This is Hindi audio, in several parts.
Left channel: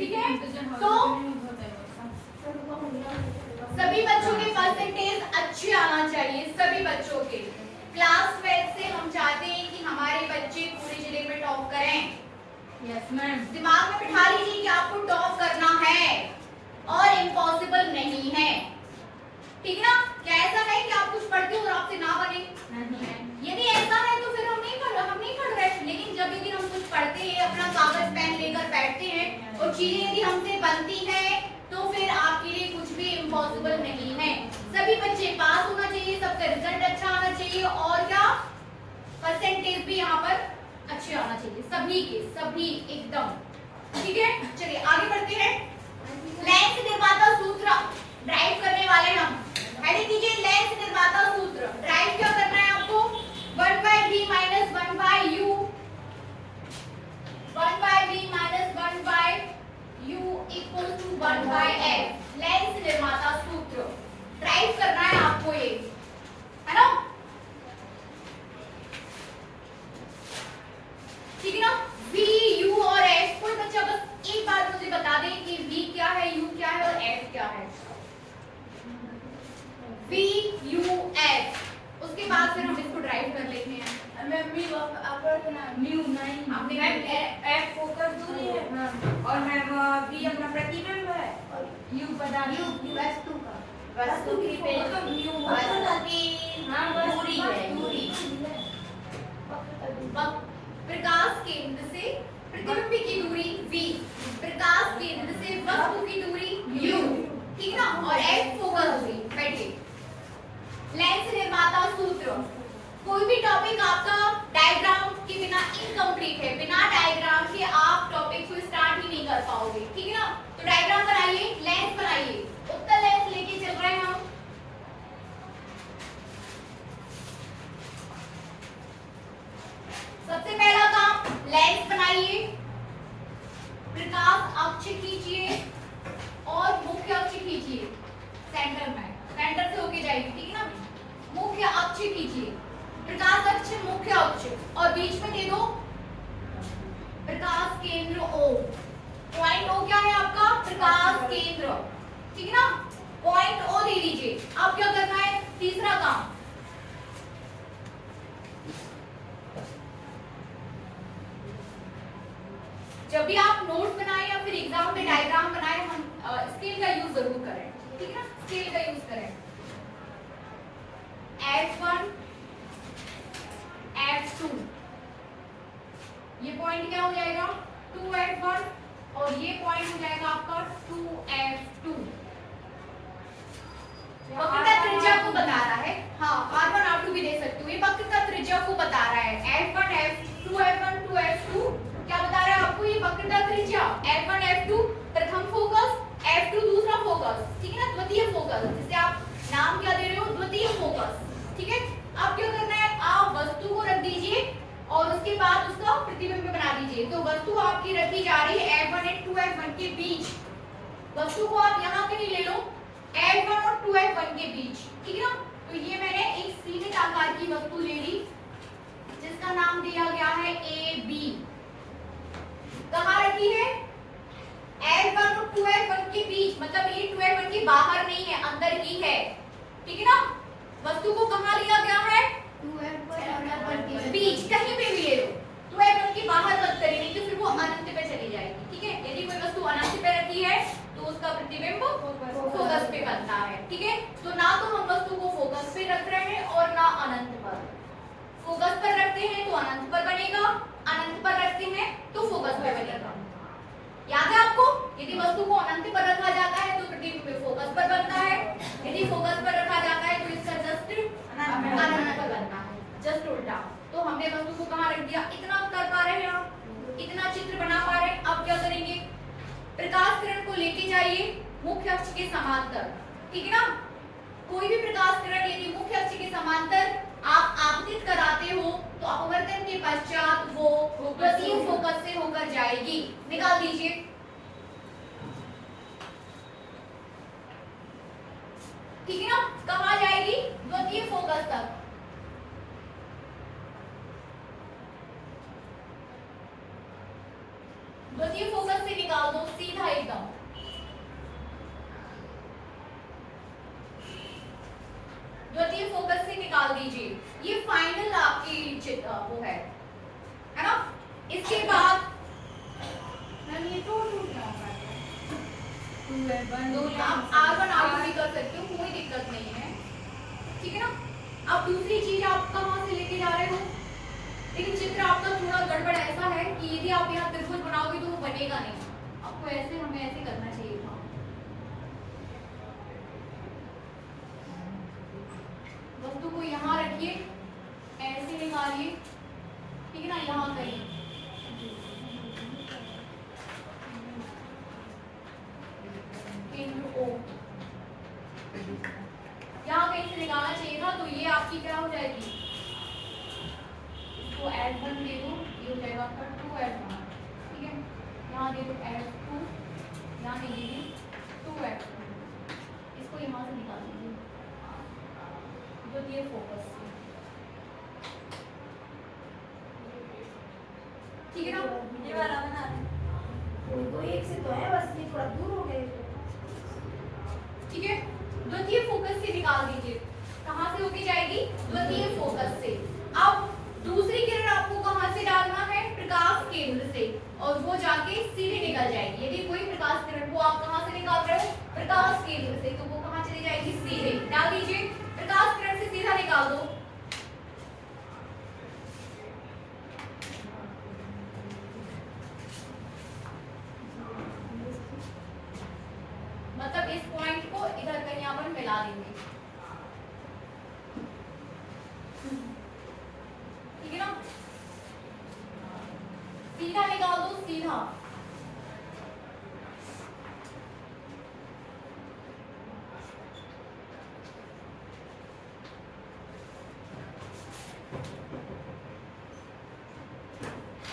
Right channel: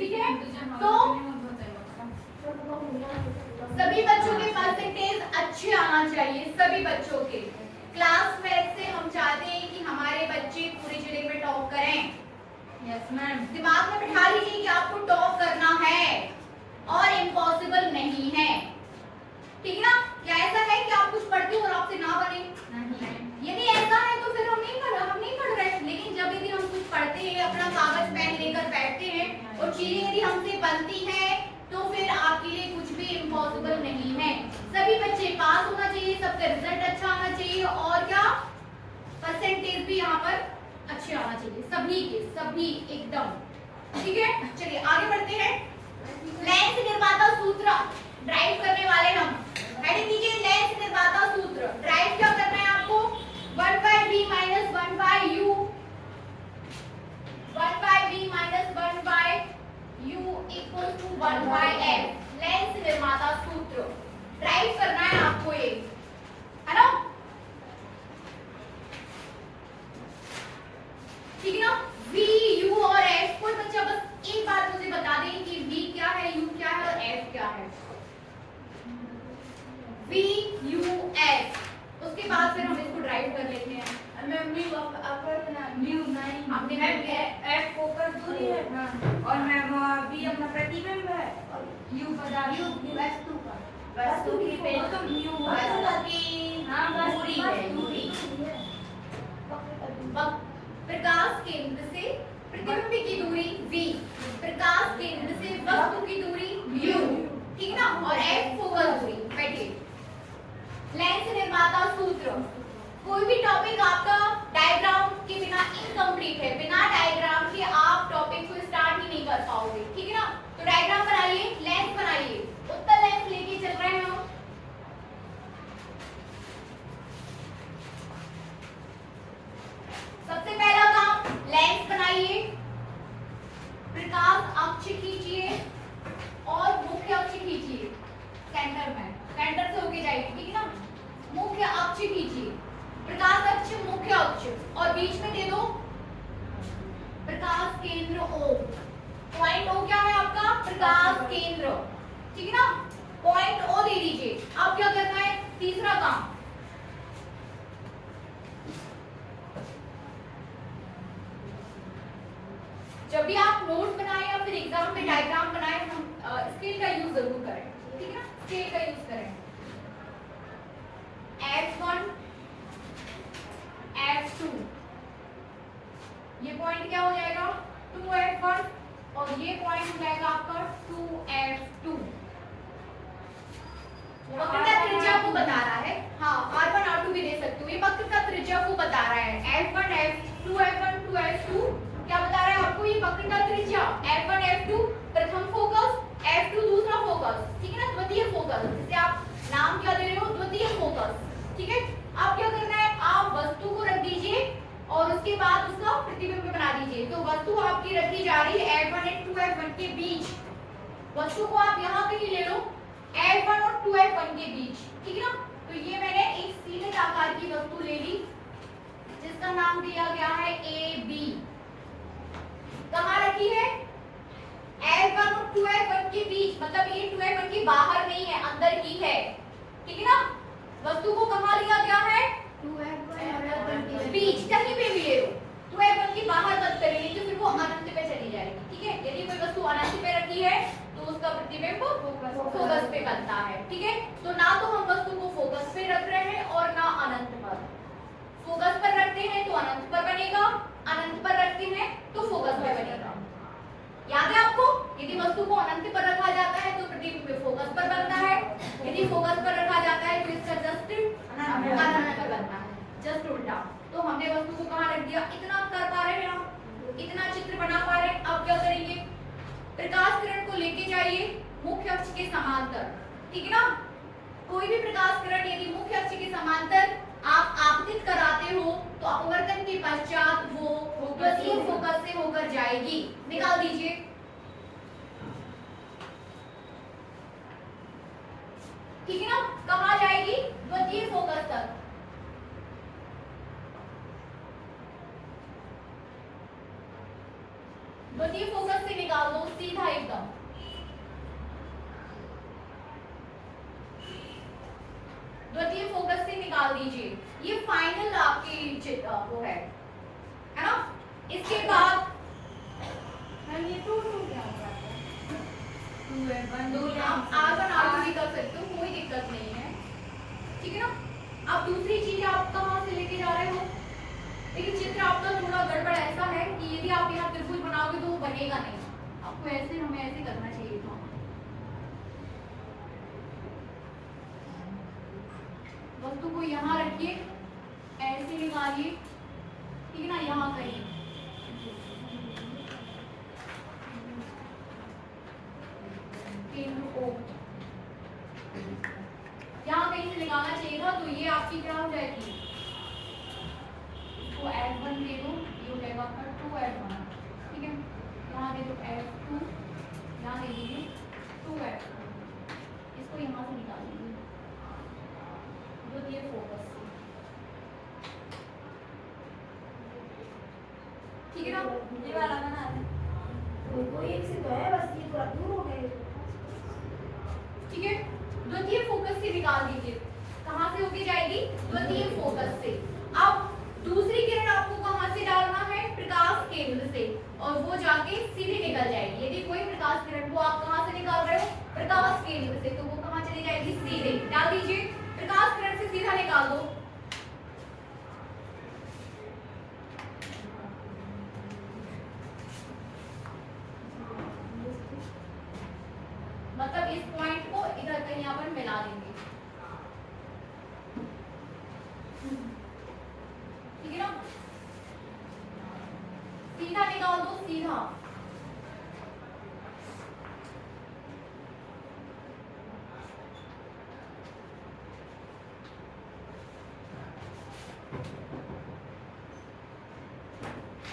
ठीक है, तो सभी बच्चों के परसेंटेज अच्छे आना चाहिए, सभी बच्चों के। क्लास 12 से हम चाहते हैं कि हमारे बच्चे पूरी जिले में टॉप करें। Yes ma'am. दिमाग में बिठा लीजिए कि आपको टॉप करना है और इम्पॉसिबल नहीं है, ठीक ना। क्या ऐसा है कि आप कुछ पढ़ते हो और आपसे ना बने? नहीं। यदि ऐसा है तो फिर हम नहीं पढ़ रहे। लेकिन जब यदि हम कुछ पढ़ते हैं, अपना कागज पेन लेकर बैठते हैं और चीजें यदि हमसे बनती हैं, तो फिर आपके लिए कुछ भी इम्पॉसिबल नहीं है। सभी बच्चे पास होना चाहिए, सबका रिजल्ट अच्छा आना चाहिए और क्या परसेंटेज भी यहाँ पर अच्छे आना चाहिए, सभी के सभी एकदम, ठीक है। चलिए आगे बढ़ते हैं। लेंस निर्माता सूत्र ड्राइव करने वाले हम। हेडिंग दीजिए लेंस निर्माता सूत्र। ड्राइव क्या करना है आपको? 1/v minus 1/u, 1/v minus 1/u equal to 1/f। Lens निर्माता सूत्र ड्राइव करना है आपको, ये है ना, ठीक है ना। v, u और f, कोई बच्चा बस एक बात मुझे बता दे कि v क्या है, u क्या है और f क्या है। v, u, f, उसके बाद फिर हम इसको ड्राइव कर लेते हैं। आपने एफ फोकस दूरी है और मैम बी अपना प्रतिबिंब है और यू पदार्थ वस्तु का वस्तु की वस्तु की दूरी है, दूरी। प्रकाश केंद्र से प्रतिबिंब की दूरी v, प्रकाश केंद्र से वस्तु की दूरी u, ठीक ना। और f फोकस दूरी। बैठिए। लेंस निर्माता सूत्र। कोई भी टॉपिक आपका डायग्राम के बिना इनकम्प्लीट है, बिना डायग्राम के आप टॉपिक को स्टार्ट ही नहीं कर पाओगे, ठीक है ना। तो डायग्राम बनाइए, लेंस बनाइए। उत्तर लेंस लेके चल रहे हैं हम। सबसे पहला काम, लेंस बनाइए, प्रकाश अक्ष खींचिए और मुख्य अक्ष खींचिए। सेंटर में, सेंटर से होके जाएगी, ठीक है ना। मुख्य अक्ष खींचिए, प्रकाश अक्ष, मुख्य अक्ष, और बीच में दे दो प्रकाश केंद्र O। पॉइंट O क्या है आपका? प्रकाश केंद्र, ठीक है ना। पॉइंट O दे दीजिए। अब क्या करना है? तीसरा काम, जब भी आप नोट्स बनाएं या फिर एग्जाम में डायग्राम बनाएं, हम स्केल का यूज जरूर करें, ठीक है ना। स्केल का यूज करें। F1, F2, ये पॉइंट क्या हो जाएगा? 2F1 और ये पॉइंट हो जाएगा आपका 2F2। वक्र का त्रिज्या को बता रहा है। हाँ, R1 R2 भी दे सकते हो। ये वक्र का त्रिज्या को बता रहा है। F1 F2 F1 2F2 क्या बता रहा है आपको? ये वक्र का त्रिज्या F1 F2 प्रथम फोकस, F2 दूसरा फोकस, ठीक है ना, द्वितीय फोकस, जिसे आप नाम क्या दे रहे हो? द्वितीय फोकस, ठीक है। अब क्या करना है? आप वस्तु को रख दीजिए और उसके बाद उसका प्रतिबिंब बना दीजिए। तो वस्तु आपकी रखी जा रही है F1 और 2F1 के बीच। वस्तु को आप यहाँ कहीं ले लो, F1 और 2F1 के बीच, ठीक है ना। तो ये मैंने एक सीमित आकार की वस्तु ले ली जिसका नाम दिया गया है AB। कहाँ रखी है? F1 और 2F1 के बीच, मतलब ये 2F1 के बाहर नहीं है, अंदर ही है, ठीक है ना। वस्तु को कहाँ लिया गया है? 2F1 के बीच, कहीं पे भी ले लो। 2F1 के बाहर मत करिए, नहीं तो फिर वो अनंत पे चली जाएगी, ठीक है। यदि कोई वस्तु अनंत पे रखी है तो उसका प्रतिबिंब फोकस पे बनता है, ठीक है। तो ना तो हम वस्तु को फोकस पे रख रहे हैं और ना अनंत पर। फोकस पर रखते हैं तो अनंत पर बनेगा, अनंत पर रखते हैं तो फोकस पे बनेगा। याद है आपको? यदि वस्तु को अनंत पर रखा जाता है तो प्रतिबिंब फोकस पर बनता है, यदि फोकस पर रखा जाता है तो इसका जस्ट अनंत पर बनता है, जस्ट उल्टा। तो हमने वस्तु को कहाँ रख दिया? इतना कर पा रहे हैं आप, इतना चित्र बना पा रहे हैं। अब क्या करेंगे? प्रकाश किरण को लेके जाइए मुख्य अक्ष के समांतर, ठीक है ना। कोई भी प्रकाश किरण यदि मुख्य अक्ष के समांतर आप आपतित कराते हो तो अपवर्तन के पश्चात वो द्वितीय फोकस से होकर जाएगी। निकाल दीजिए। ठीक है ना, कहाँ जाएगी? द्वितीय फोकस तक। द्वितीय फोकस से निकाल दो, सीधा आप R1 R2 भी कर सकते हो, कोई दिक्कत नहीं है, ठीक है ना। अब दूसरी चीज आप कहाँ से लेके जा रहे हो, लेकिन चित्र आपका थोड़ा गड़बड़ ऐसा है कि यदि आप यहाँ त्रिभुज बनाओगे तो वो बनेगा नहीं, आपको ऐसे हमें ऐसे करना चाहिए था। वस्तु को यहाँ रखिए, ऐसे निकालिए, ठीक है ना, यहाँ कहीं केंद्र O यहाँ कहीं से निकालना चाहिए था, तो ये आपकी क्या हो जाएगी, इसको F1 दे दो, ये हो जाएगा आपका 2F1, ठीक है। यहाँ दे दो F2, यहाँ दे दीजिए 2F2, इसको यहाँ से निकाल दीजिए, जो दिए फोकस से, ठीक है ना। ये वाला बना दे, वो एक से तो है, बस ये थोड़ा दूर हो गए, ठीक है। द्वितीय फोकस से निकाल दीजिए, कहाँ से होके जाएगी, द्वितीय फोकस से। अब दूसरी किरण आपको कहाँ से डालना है, प्रकाश केंद्र से, और वो जाके सीधे निकल जाएगी। यदि कोई प्रकाश किरण को आप कहाँ से निकाल रहे हो, प्रकाश केंद्र से, तो वो कहाँ चली जाएगी, सीधे। डाल दीजिए, प्रकाश किरण से सीधा निकाल दो, मतलब इस पॉइंट को इधर कहीं यहाँ पर मिला देंगे, ठीक है ना। सीधा निकाल दो, सीधा,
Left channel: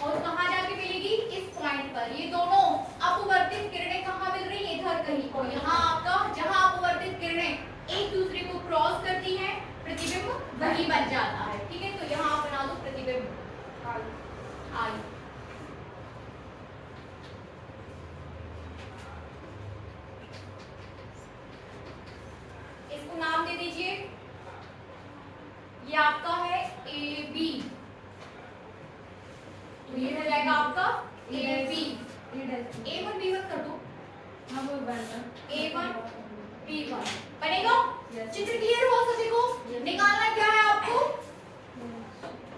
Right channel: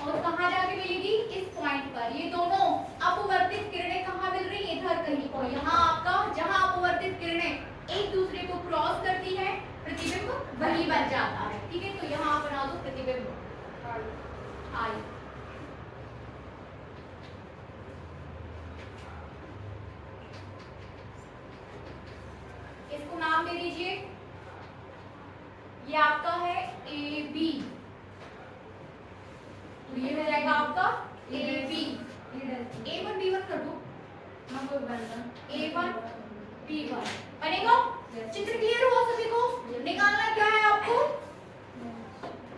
और कहाँ जाके मिलेगी, इस पॉइंट पर। ये दोनों अपवर्तित किरणें कहाँ मिल रही है, इधर कहीं, और यहाँ आपका जहाँ अपवर्तित किरणें एक दूसरे को क्रॉस करती है, प्रतिबिंब वही बन जाता है, ठीक है। तो यहाँ आप बना दो प्रतिबिंब आई, इसको नाम दे दीजिए, ये आपका है AB, तो ये हो जाएगा आपका AB, A1 B1 कर दो, A1 B1 बनेगा। चित्र क्लियर हो सभी को, निकालना क्या है आपको,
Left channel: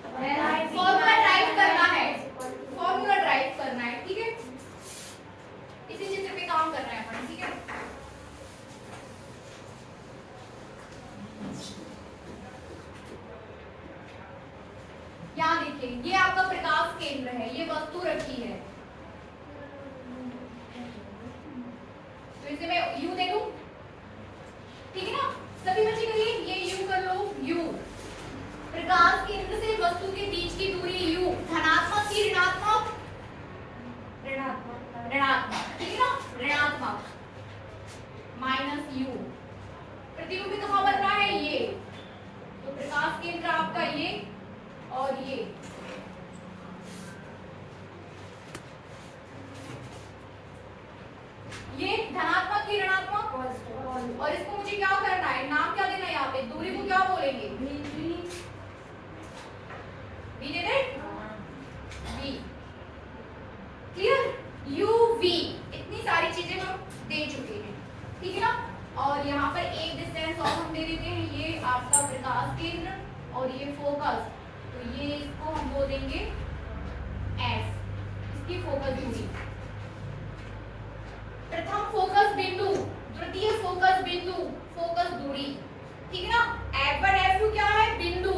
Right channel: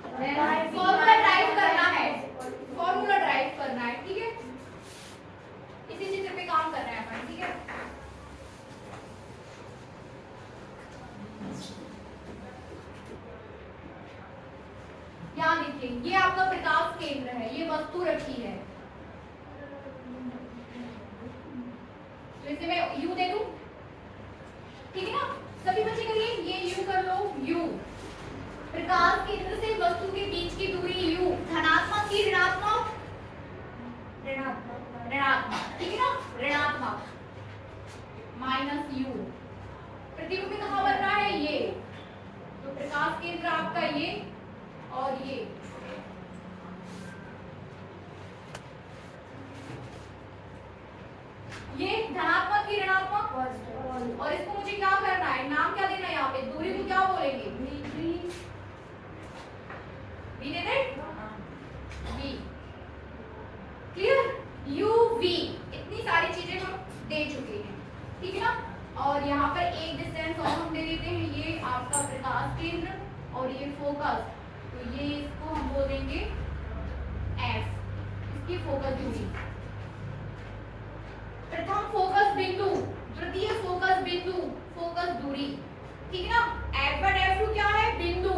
फॉर्मूला ड्राइव करना है, फॉर्मूला ड्राइव करना है, ठीक है। इसी चित्र पे काम करना है अपन, ठीक है। यहाँ देखिए, ये आपका प्रकाश केंद्र है, ये वस्तु रखी है, तो इसे मैं U दे दूं, ठीक है ना। सभी बच्चे करिए, ये U कर लो, U, प्रकाश केंद्र से वस्तु के बीच की दूरी U, धनात्मक की ऋणात्मक, ऋणात्मक, ठीक है ना, ऋणात्मक, -U, प्रतिबिंब कहाँ बन रहा है, ये, तो प्रकाश केंद्र आपका ये और ये, धनात्मक की ऋणात्मक, और इसको मुझे क्या करना है, नाम क्या देना है, यहाँ पे दूरी को क्या बोलेंगे, बी दे दे, बी, क्लियर, UV, इतनी सारी चीजें हम दे चुके हैं, ठीक है ना। और यहाँ पर एक डिस्टेंस और हम दे देते हैं, ये आपका प्रकाश केंद्र और ये फोकस, तो ये इसको हम बोल देंगे F, इसकी फोकस दूरी, प्रथम फोकस बिंदु, द्वितीय फोकस बिंदु, फोकस दूरी, ठीक है ना। F1 F2 क्या है, बिंदु,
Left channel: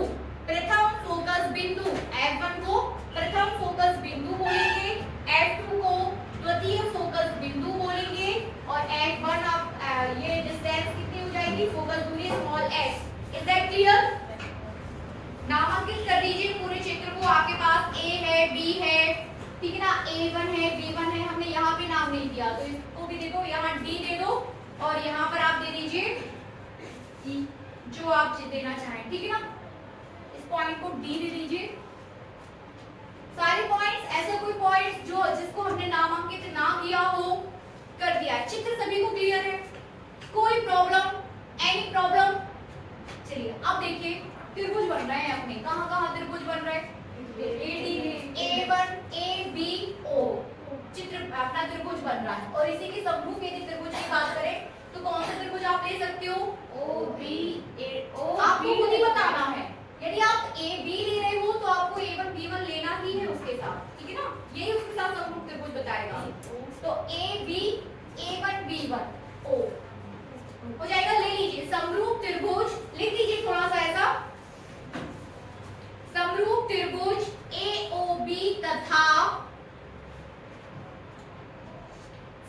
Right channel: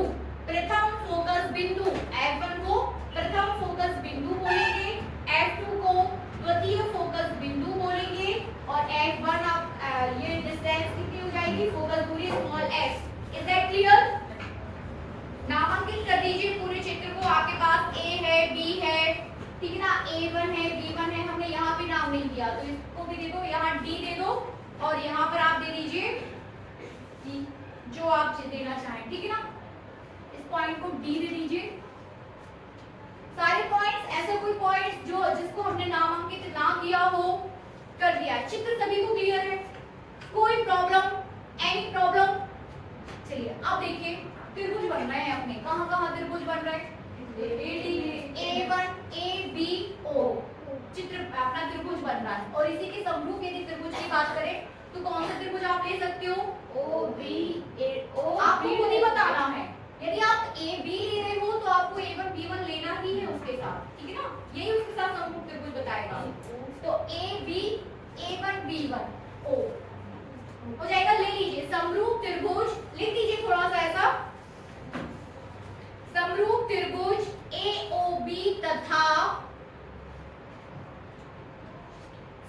प्रथम फोकस बिंदु, F1 को प्रथम फोकस बिंदु बोलेंगे, F2 को द्वितीय फोकस बिंदु बोलेंगे, और F1 अब ये डिस्टेंस कितनी हो जाएगी, फोकस दूरी small s, is that clear. नामांकित कर दीजिए पूरे चित्र को, आपके पास A है, B है, ठीक है ना, A1 है, B1 है, हमने यहाँ पे नाम नहीं दिया, तो इसको भी दे दो, यहाँ D दे दो, और यहाँ पर आप दे दीजिए E, जो आप देना चाहें, ठीक है ना। इस पॉइंट को D दे दीजिए, सारे पॉइंट्स, ऐसा कोई पॉइंट जो जिसको हमने नामांकित ना किया हो, कर दिया। चित्र सभी को क्लियर है, कोई प्रॉब्लम, एनी प्रॉब्लम। चलिए अब देखिए, त्रिभुज बन रहे हैं अपने, कहाँ कहाँ त्रिभुज बन रहे हैं, A1 ABO, चित्र अपना त्रिभुज बन रहा है और इसी के समरूप यदि त्रिभुज की बात करें तो कौन सा त्रिभुज आप ले सकते हो? ओ बी ए ओ आपको खुद ही बताना है। यदि आप ए बी ले रहे हो तो आपको A1 B1 लेना ही है उसके साथ, ठीक है ना? यही उसके साथ समरूप त्रिभुज बताएगा। तो ए बी A1 B1 ओ हो जाएगा। ले लीजिए समरूप त्रिभुज, लिख दीजिए थोड़ा सा ऐसा, समरूप त्रिभुज AOB तथा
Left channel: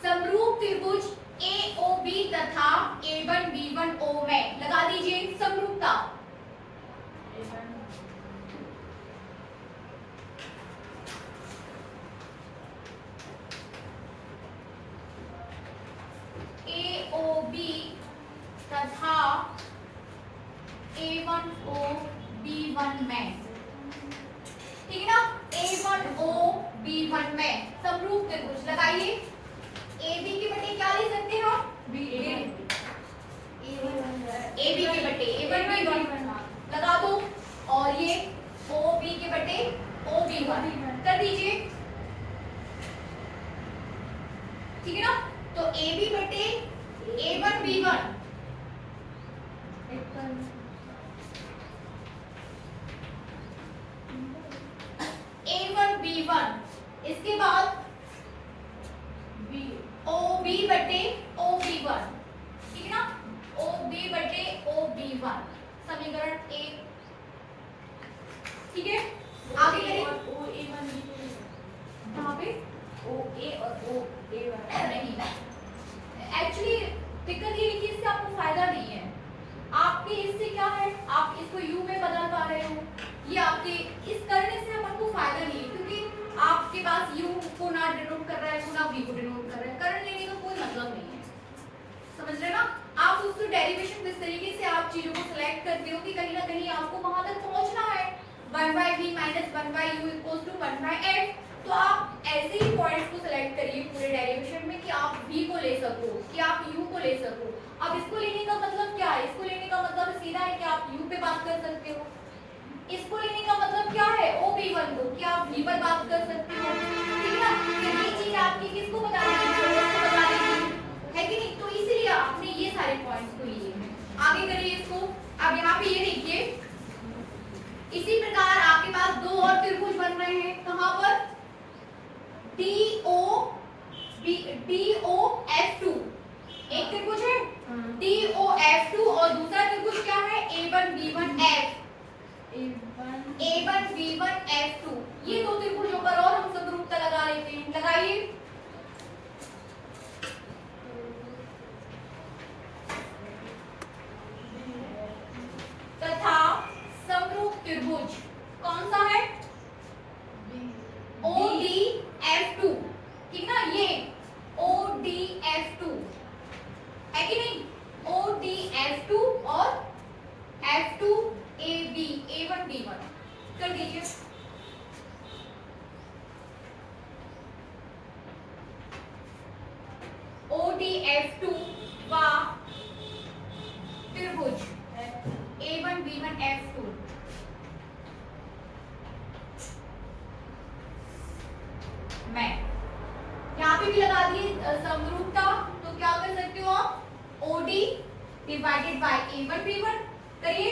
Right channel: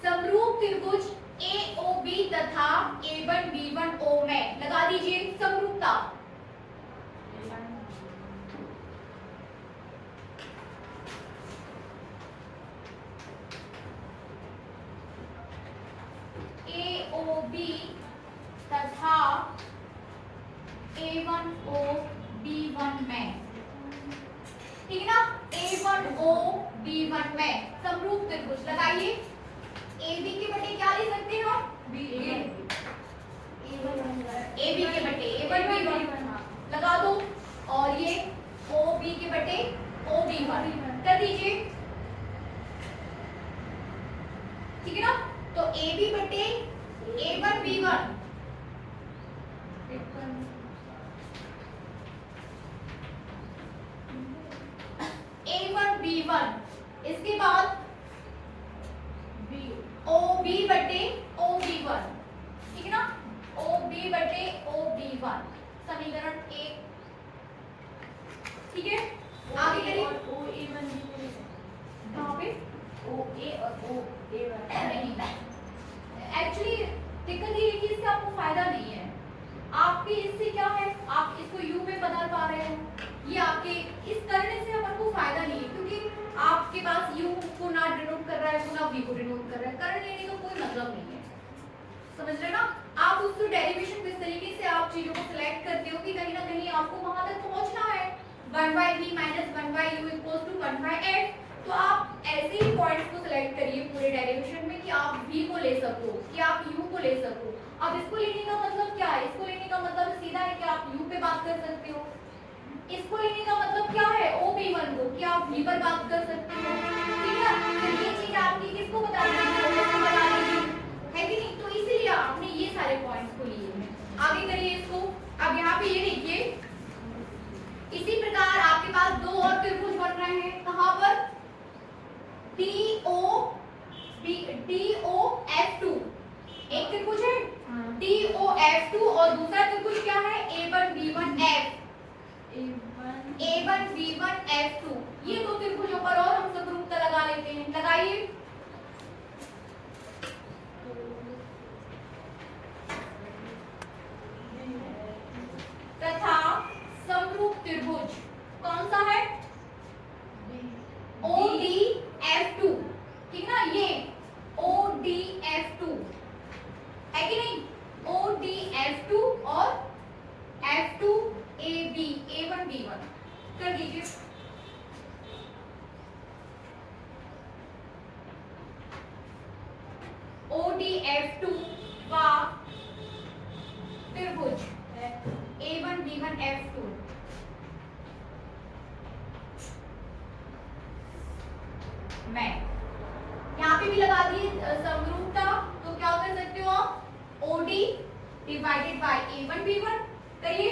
समरूप त्रिभुज AOB तथा A1 B1 O में लगा दीजिए समरूपता। AOB तथा A1O B1 में, ठीक है ना? A1O B1 में समरूप त्रिभुज लगाइए। AB के बटे क्या ले सकते हैं हम? AB के बटे A1 B1 लगा दो और ये OB के बटे OB1 कर दीजिए, ठीक है ना? तो AB बटे A1 B1 A1 B1, इसके बाद OB बटे OB1, ठीक है ना? OB बटे OB1 समीकरण 1, ठीक है? आगे करिए। कहाँ पे? ओ ए और ओ ए नहीं, एक्चुअली दिक्कत ये है कि इससे आपको फायदा नहीं है। आपके इससे क्या है, आप इसको u में बदल पा रहे हो, ये आपके इस करने से आपको फायदा नहीं है क्योंकि आपके पास u को ना डिनोट कर रहा है ना v को डिनोट कर रहा है। करण लेने का कोई मतलब नहीं है, समझ रहे ना? आप उसको डेरिवेशन इस तरीके से आप चीजों को सिलेक्ट करते हो कि कहीं ना कहीं आपको वहां तक पहुंचना है 1/v - 1/u = 1/f। तो आप ऐसे ही पॉइंट्स को सिलेक्ट करिए पूरे डेरिवेशन में कि आप v को ले सको, कि आप u को ले सको। अब इसको लेने का मतलब क्या है? इसको लेने का मतलब सीधा है कि आप u पे बात कर सकते हो। इसको लेने का मतलब क्या है? OB1 को, कि आप v पर बात कर सकते हो, ठीक है ना? फिर ये चीज आपकी किसको बतानी है? इसको बतानी है कि नहीं? तो इसीलिए आपने ये सारे पॉइंट्स को लिए हैं। आगे करिए इसको। अब यहाँ पे ये देखिए, इसी प्रकार आपके पास दो और त्रिभुज बन रहे हैं। कहाँ पर? DOF2 एक त्रिभुज है DOF2 और दूसरा त्रिभुज क्या है? A1B1F A1B1F2। ये दो त्रिभुजों पर और हम समरूपता लगा लेते हैं, लगाइए। तथा समरूप त्रिभुज कौन सा है? ODF2, ठीक ना? ये ODF2 है कि नहीं? ODF2 और F2AB A1B1 कर दीजिए। ODF2 व त्रिभुज A1B1F2 में यहाँ पे भी लगा दिए समरूपता। तो क्या कर सकते हो आप? OD डिवाइडेड बाय A1B1 करिए।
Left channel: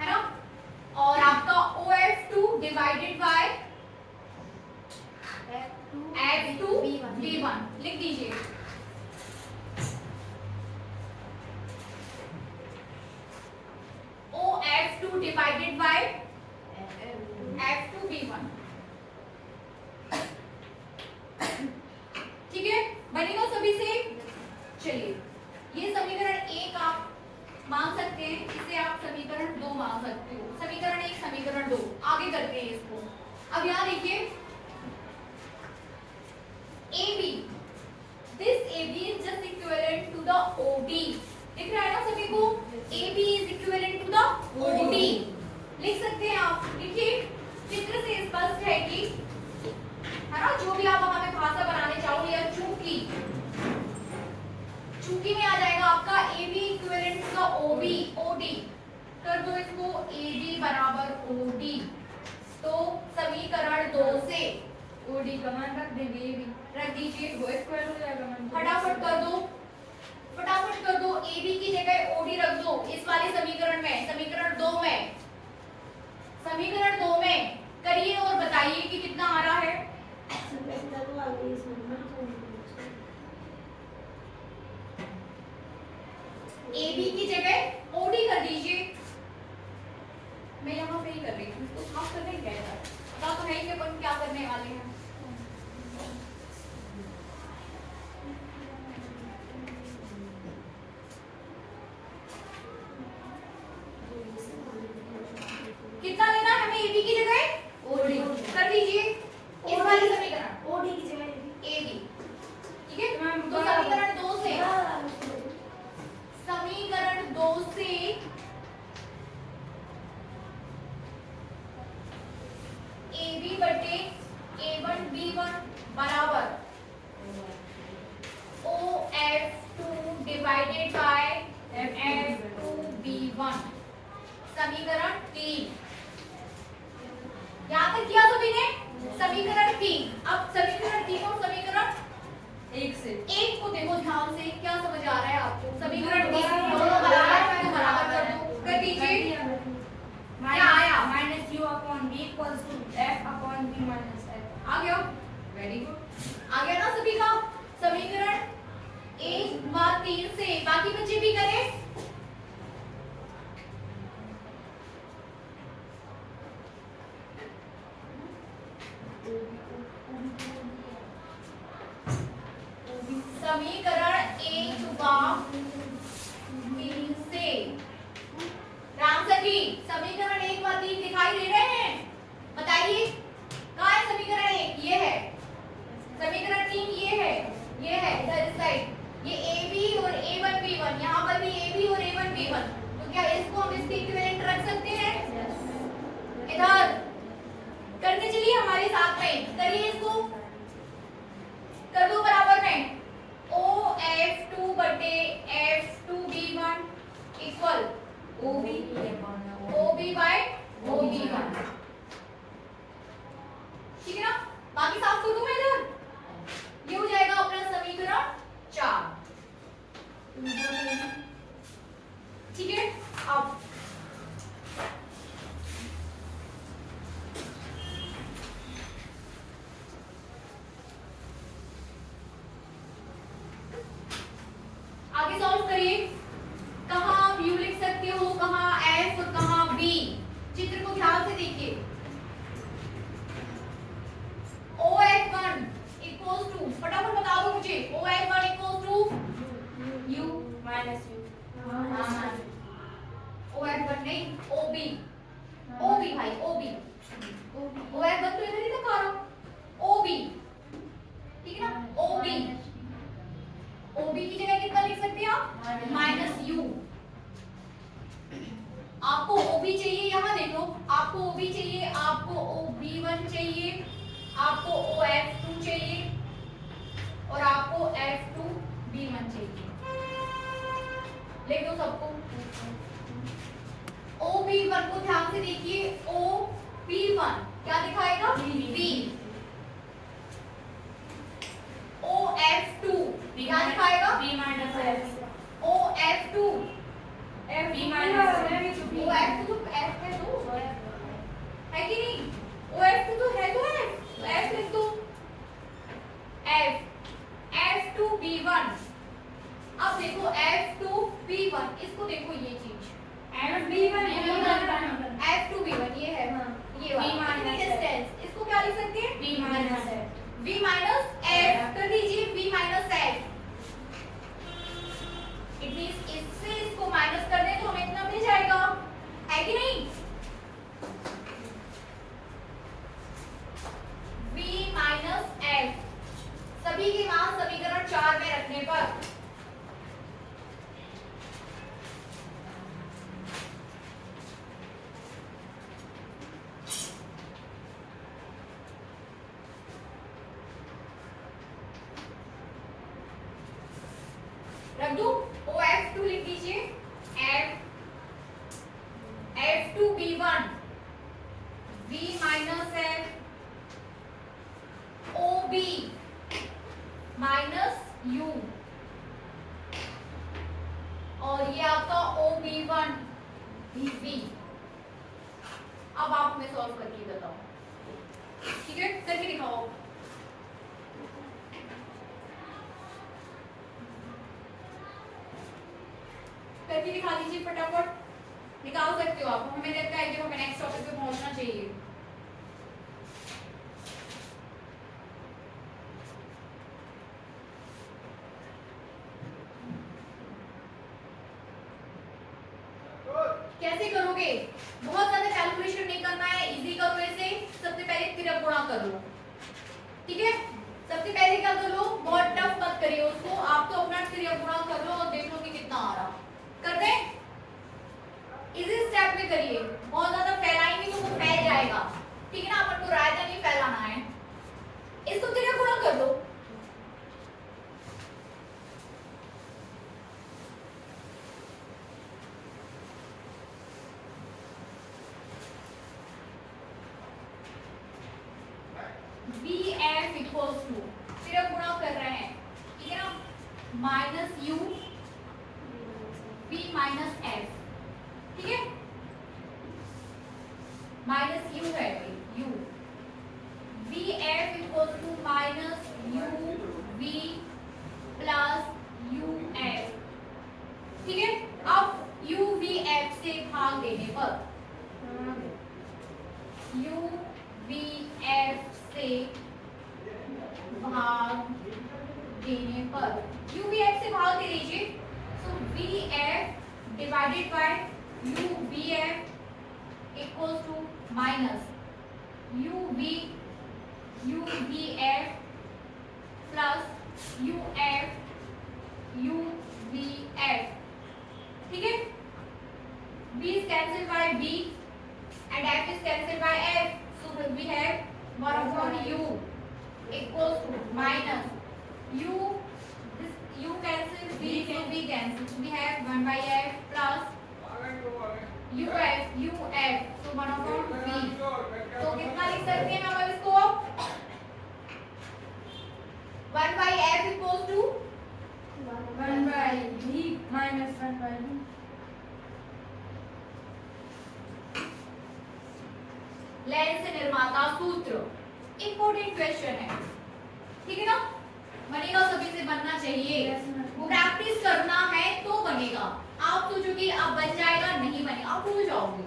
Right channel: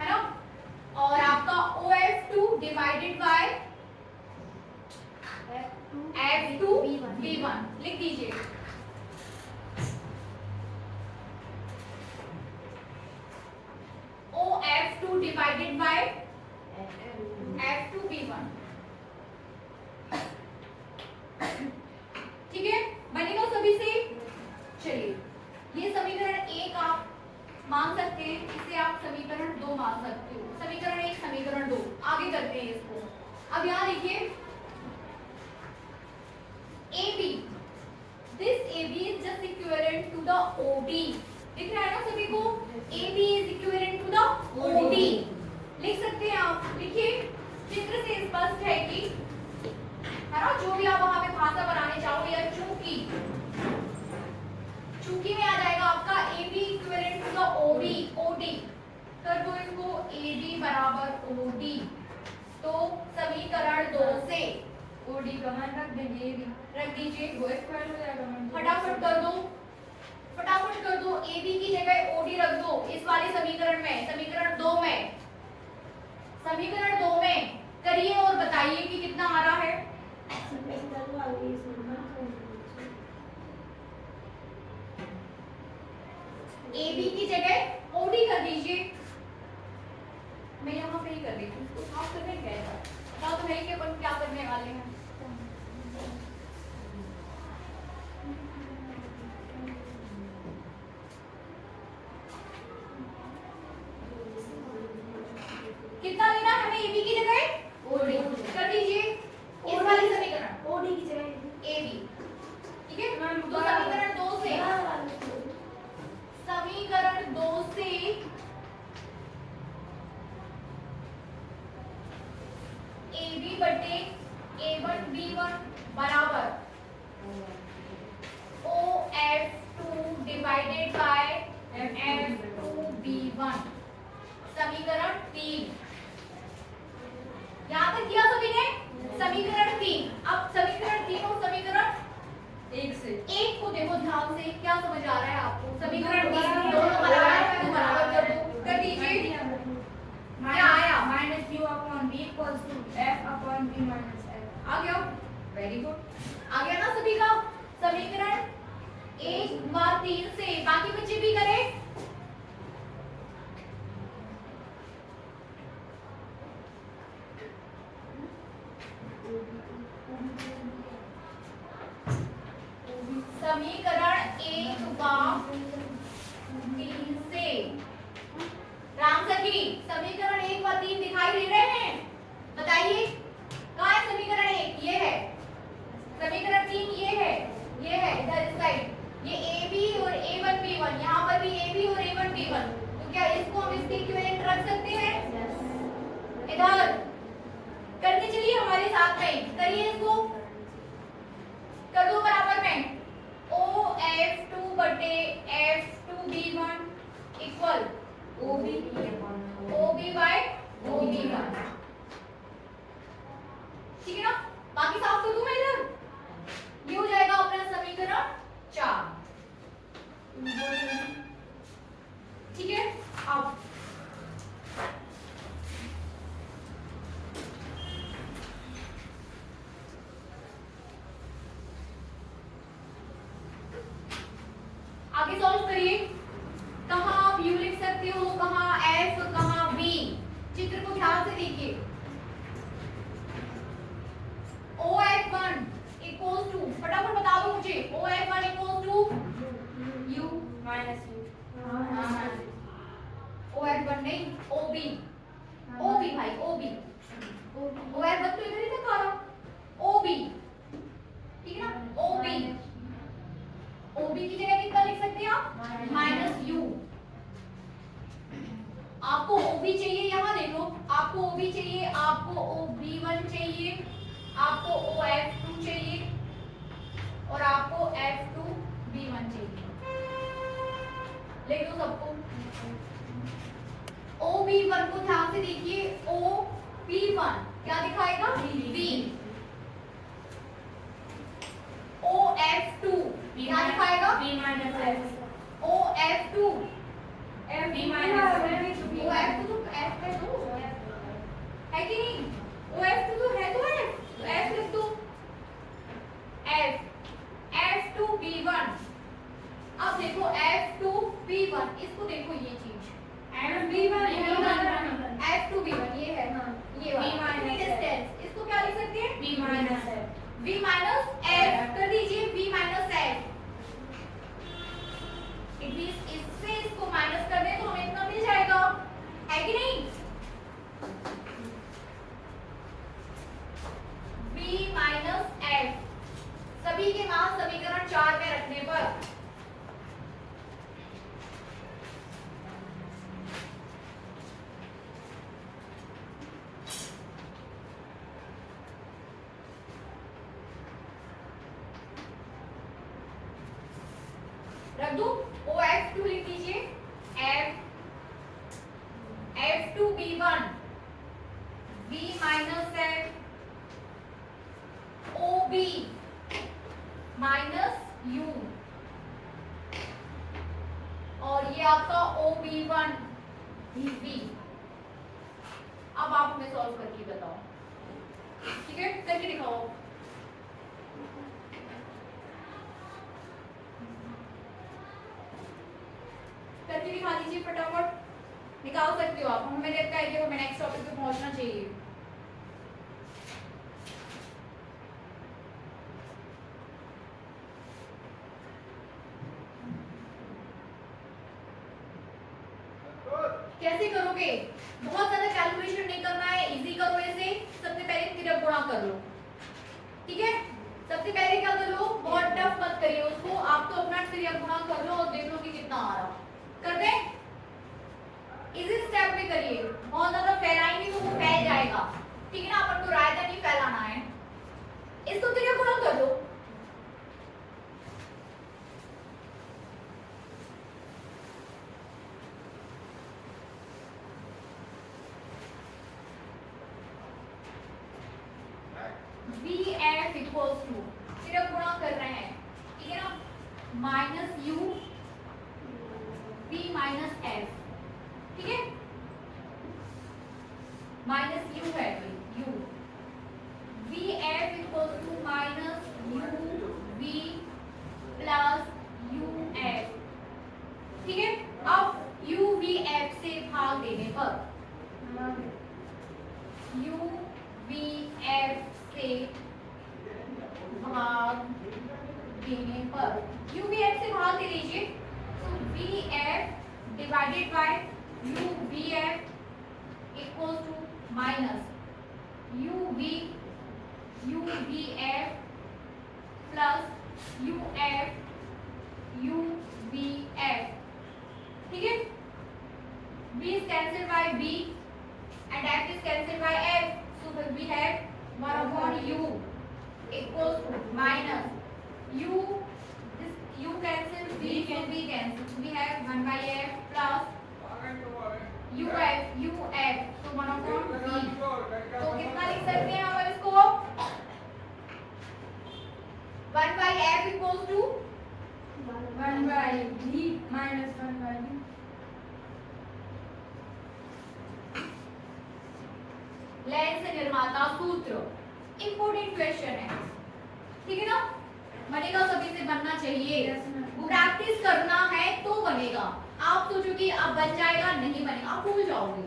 है ना? और आपका OF2 डिवाइडेड बाय F2B1 लिख दीजिए। OF2 डिवाइडेड बाय F2B1, ठीक है? बनेगा सभी से। चलिए, ये समीकरण 1 आप मान सकते हैं, इसे आप समीकरण 2 मान सकते हो। समीकरण 1 समीकरण 2 आगे करते हैं इसको। अब यहाँ देखिए AB, this AB is just equivalent to the OD। दिख रहा है ना सभी को? AB is equivalent to the OD। लिख सकते हैं आप, लिखिए। चित्र से स्पष्ट है कि, है ना, जो भी आप वहां पे भाषा बनाने चाहो, या चूंकि में आ जाएगा आपका AB equivalent to the OB OD, कर दो इसको AB बराबर OD। तो समीकरण 2 से ओडी का मान रख देंगे ये भी रख दीजिए, वो स्क्वायर हो जाएगा मान फटाफट कर दो, फटाफट कर दो। AB की जगह OD रख दो इस वाले समीकरण में, समीकरण 2 में, समीकरण 2 में करिए और बताइए कि कितना आ रहा है। AB की जगह OD कर दीजिए। मैं यहाँ पे ही कर रही हूँ, उसको साफ करने क्या है, पता तो है कि अपन क्या करने वाले हैं। कितना लेना है हमें AB की जगह OD कर दीजिए इस वाले समीकरण ओडी की जगह AB, ठीक है। तो समीकरण 2 से, समीकरण 2 से AB बटे A1 B1 बराबर OF2 divided by F2 B1, समीकरण 3। यहाँ तक किया सभी ने, समीकरण 3। अब समीकरण 3 और समीकरण 1 को देखो ध्यान से, क्या समझ आ रहा है आपको। समीकरण 3 दोनों बराबर है तो बराबर कर दो, कर दीजिए। क्या आया, minus U upon B equals to F upon B minus F. आ गया, वेरी गुड, आ गया ना सभी का। समीकरण 1 व 3 से बाकी बच्चे भी करें। समीकरण 1 व 3 से राम सखी, समीकरण 1 व 3 दिखाई दे रहे हैं, बताइए कहाँ है समीकरण 1, ये है। समीकरण 3 ये है, ये है इधर इस साइड, ये AB और A1 B1, यहाँ पर भी AB और A1 B1। तो क्या इसको हम इसके इक्विवेलेंट रख सकते हैं? इधर करके चलिए हमारे साथ में, करिए इसको, कर दो बराबर में OF2 बटे F2 B1 equal OB bye OB1, ठीक है ना। बाकी साफ कर दूं मैं इधर, ये हो जाएगा अपना समीकरण 4, ठीक है। अब आगे सॉल्व करिए। कहाँ आप U लिख सकते हो, कहाँ F और कहाँ B, चित्र को ध्यान से देखिए। OF1 इक्वल्स टू, फटाफट बता दो मुझे, OF1 equals to U minus u OF1 नहीं, OB भाई, OB OF1 तो इधर ही तक आ रहा, OB, ठीक है ना। OB की जगह कितना लिख सकते हैं आप, माइनस U। आपको OB चाहिए, यहाँ देखो, आपको OB चाहिए, आपको OB1 चाहिए, आपको OF2 चाहिए और आपको F2 B1 चाहिए। लिख दो सबको। OB1 को ध्यान से देखिए, OB1 क्या दिखाएगा, B। OF2 क्या दिखाएगा, b minus f. OF2 f b minus OF2 तो F है, तो है कि नहीं, OF2 तो है, तो F लिख दो, F2 B1। अब देखो F2 B1, इसको देखो ये चीज F2 B1 ये है, ये वाला डिस्टेंस, इसको क्या लिख सकते हैं, b minus f. V minus F कर दीजिए, V minus F। It means इससे इसको माइनस कर दें तो हमें इतना मिल जाएगा, है कि नहीं। V माइनस F सभी के मान समीकरण 4 में रखने पर रख दो। OF2 लिख दीजिए, F minus f, o b minus u, और ये आपका o b one b b. अब आप हमें सॉल्व करके बताओ, ठीक है, करके दिखाओ। करके दिखा दीजिए फटाफट, निकाल सकते हो आप। हमें लगता है कि हमें नेक्स्ट टॉपिक पे पहुंचना चाहिए। कैसे करोगे? बहुत ज्यादा कैलकुलेशन नहीं करना है, इजी करो इसे। सबसे पहले तिरक गुणा कर लो, ठीक है। सबसे पहले क्या कर लो, बहुत टफ मत करिए उसको, आप तो अपना तिरक गुणा कर लो और देख लो कि कितना आ रहा। कर दे, इजी स्टेप में करिए, बहुत ज्यादा फैलाएंगे तो वो फैल जाएगा, ठीक है ना। अपन को रायता नहीं फैलाना है। इसको तिरक गुणा कर लो। वी एफ इक्वल्स टू, सिर्फ गुणा कर रहे हैं, ठीक है ना, minus u v minus f, ठीक है। माइनस यू है u, v f equals to minus u v plus u f, ठीक है। अब यू वी एफ से भाग देने पर, यू वी एफ से भाग देने पर, यू वी एफ से भाग दे दीजिए। So v f divided by u v f equals to minus u v f plus u v f, ठीक है। b is cancelled by b and f is cancelled by f, so we have 1 upon u equals to minus u, this u cancels, b so b cancels, we have 1 by f plus uf, so 1 upon v, तो कितना लिख सकते हैं हम इसको, 1 by f equals to 1 by v minus 1 by v। Lens निर्माता सूत्र, इंपोर्टेंट क्वेश्चन है, ठीक है ना। बनेगा, सभी से बनना चाहिए, वो प्रैक्टिस करना है तो बनेगा। आप सोचो कि अब बन जाएगा, नहीं बनेगा, आप भूल जाओगे।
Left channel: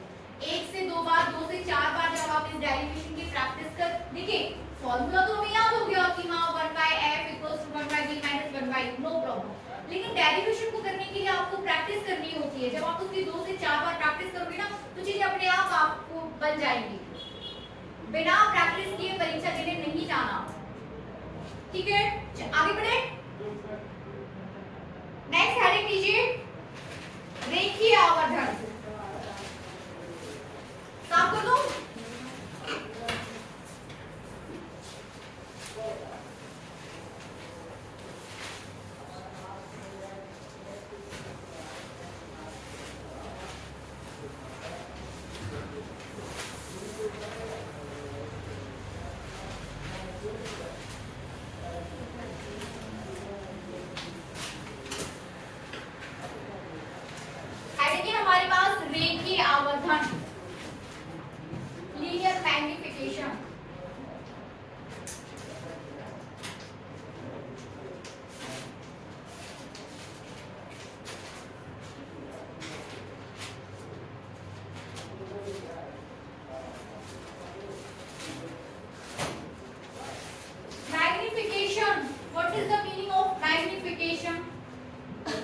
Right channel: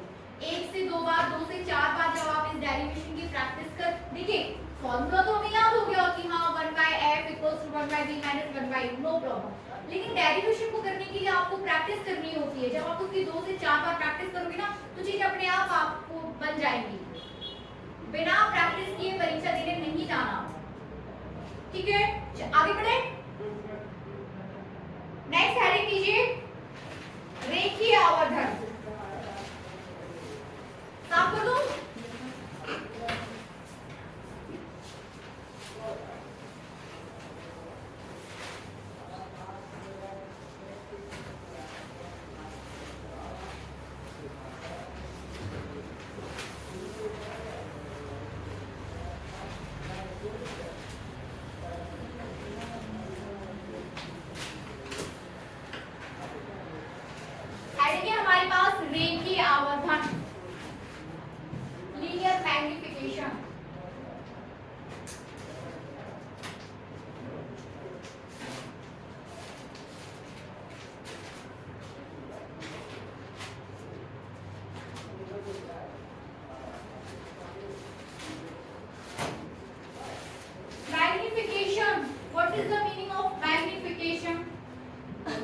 1 से 2 बार, 2 से 4 बार जब आप इस डेरिवेशन की प्रैक्टिस कर, देखिए फॉर्मूला तो हमें याद हो गया कि हाँ 1 by f equals to 1 by v minus 1 by u, no problem. लेकिन डेरिवेशन को करने के लिए आपको प्रैक्टिस करनी होती है। जब आप उसकी 2 से 4 बार प्रैक्टिस करोगे ना, तो चीजें अपने आप आपको बन जाएंगी। बिना प्रैक्टिस किए परीक्षा देने नहीं जाना, ठीक है। आगे बढ़े, नेक्स्ट हेडिंग लीजिए, रेखीय आवर्धन। साफ कर दो। हमारे पास रेखीय आवर्धन, linear magnification. Magnification, what is the meaning of magnification?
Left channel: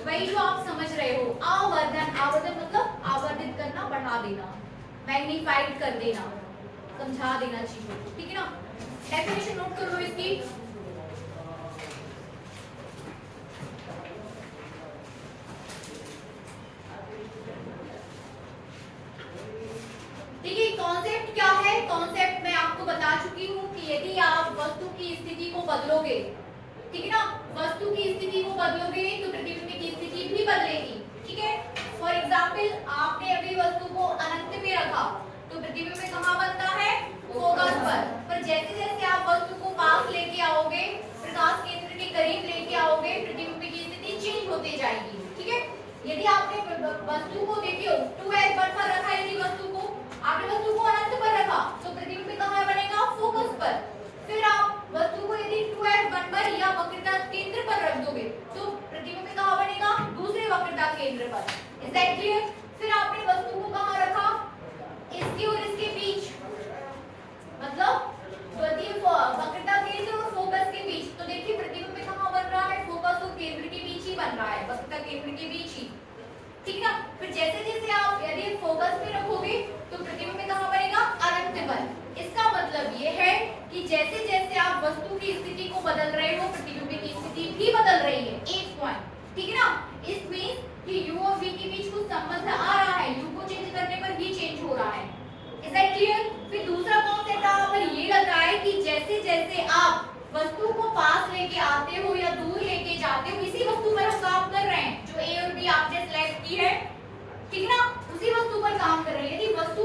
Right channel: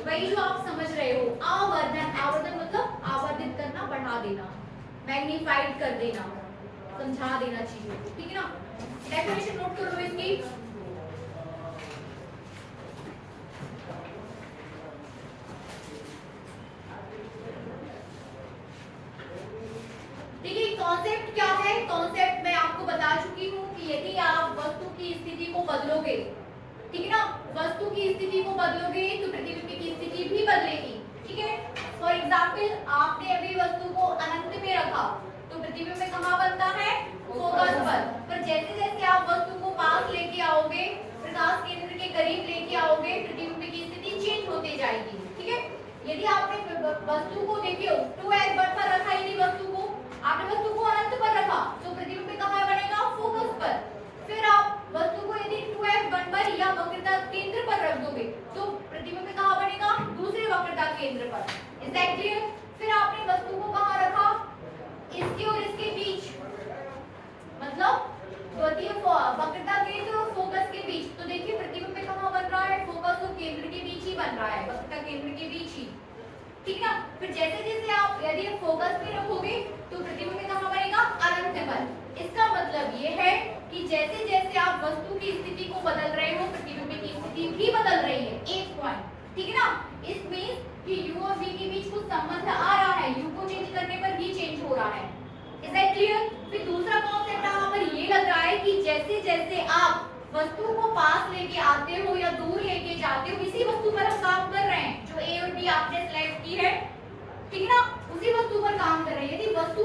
वही जो आप समझ रहे हो, आवर्धन। आवर्धन मतलब आवर्धित करना, बढ़ा देना, मैग्नीफाइड कर देना, समझा देना चीजों को, ठीक है ना। डेफिनेशन नोट कर लो इसकी। देखिए कॉन्सेप्ट क्या है, कॉन्सेप्ट मैं आपको बता चुकी हूँ कि यदि आप वस्तु की स्थिति को बदलोगे, ठीक है ना, वस्तु की स्थिति को बदलोगे तो प्रतिबिंब की स्थिति भी बदलेगी, ठीक है। फॉर एग्जाम्पल आपने अभी वस्तु को अनंत में रखा, तो प्रतिबिंब कहाँ बनता है? फोकस पर जैसे जैसे आप वस्तु को पास लेके आओगे, प्रकाश केंद्र के करीब लेके आओगे, प्रतिबिंब की स्थिति चेंज होती जाएगी। ठीक है, यदि आपने वस्तु को देखियो 2s पर रखा, यदि वस्तु को आपने वस्तु को अनंत पर रखा तो प्रतिबिंब कहाँ बनेगा? फोकस पर। फिर आप वस्तु को यदि 2f1 पर या वक्रता केंद्र पर रख दोगे तो प्रतिबिंब कहाँ बनेगा? दूसरे वक्रता केंद्र पर। Is that clear? फिर आपने वस्तु को कहाँ रखा? इसके और इसके बीच, मतलब द्वितीय वक्रता केंद्र और फोकस के बीच। तो देखिए प्रतिबिंब कहाँ बन रहा है? फोकस और केंद्र के बीच ही बन रहा है, वक्रता केंद्र के बीच ही। ठीक है ना? फिर जैसे जैसे आप यदि फोकस में रखोगे तो प्रतिबिंब कहाँ बनेगा? अनंत पर। इसका मतलब ये है कि जैसे जैसे आप वस्तु की स्थिति को बदल रहे हो, प्रतिबिंब की स्थिति भी बदल रही है। एक पॉइंट, ठीक है ना? इट मींस कि u और v के बीच कुछ संबंध आ रहा है, u को चेंज करने पर v चेंज हो रहा है। Is that clear? फिर दूसरा कॉन्सेप्ट यहाँ पर ये लग रहा है कि जैसे जैसे आप वस्तु को पास लेके आते हो या दूर लेके जाते हो, इसी वस्तु पर हम काम कर रहे हैं, जो a और b आपने सिलेक्ट की है, ठीक है ना? उसी वस्तु पर काम कर रहे हैं। यदि वस्तु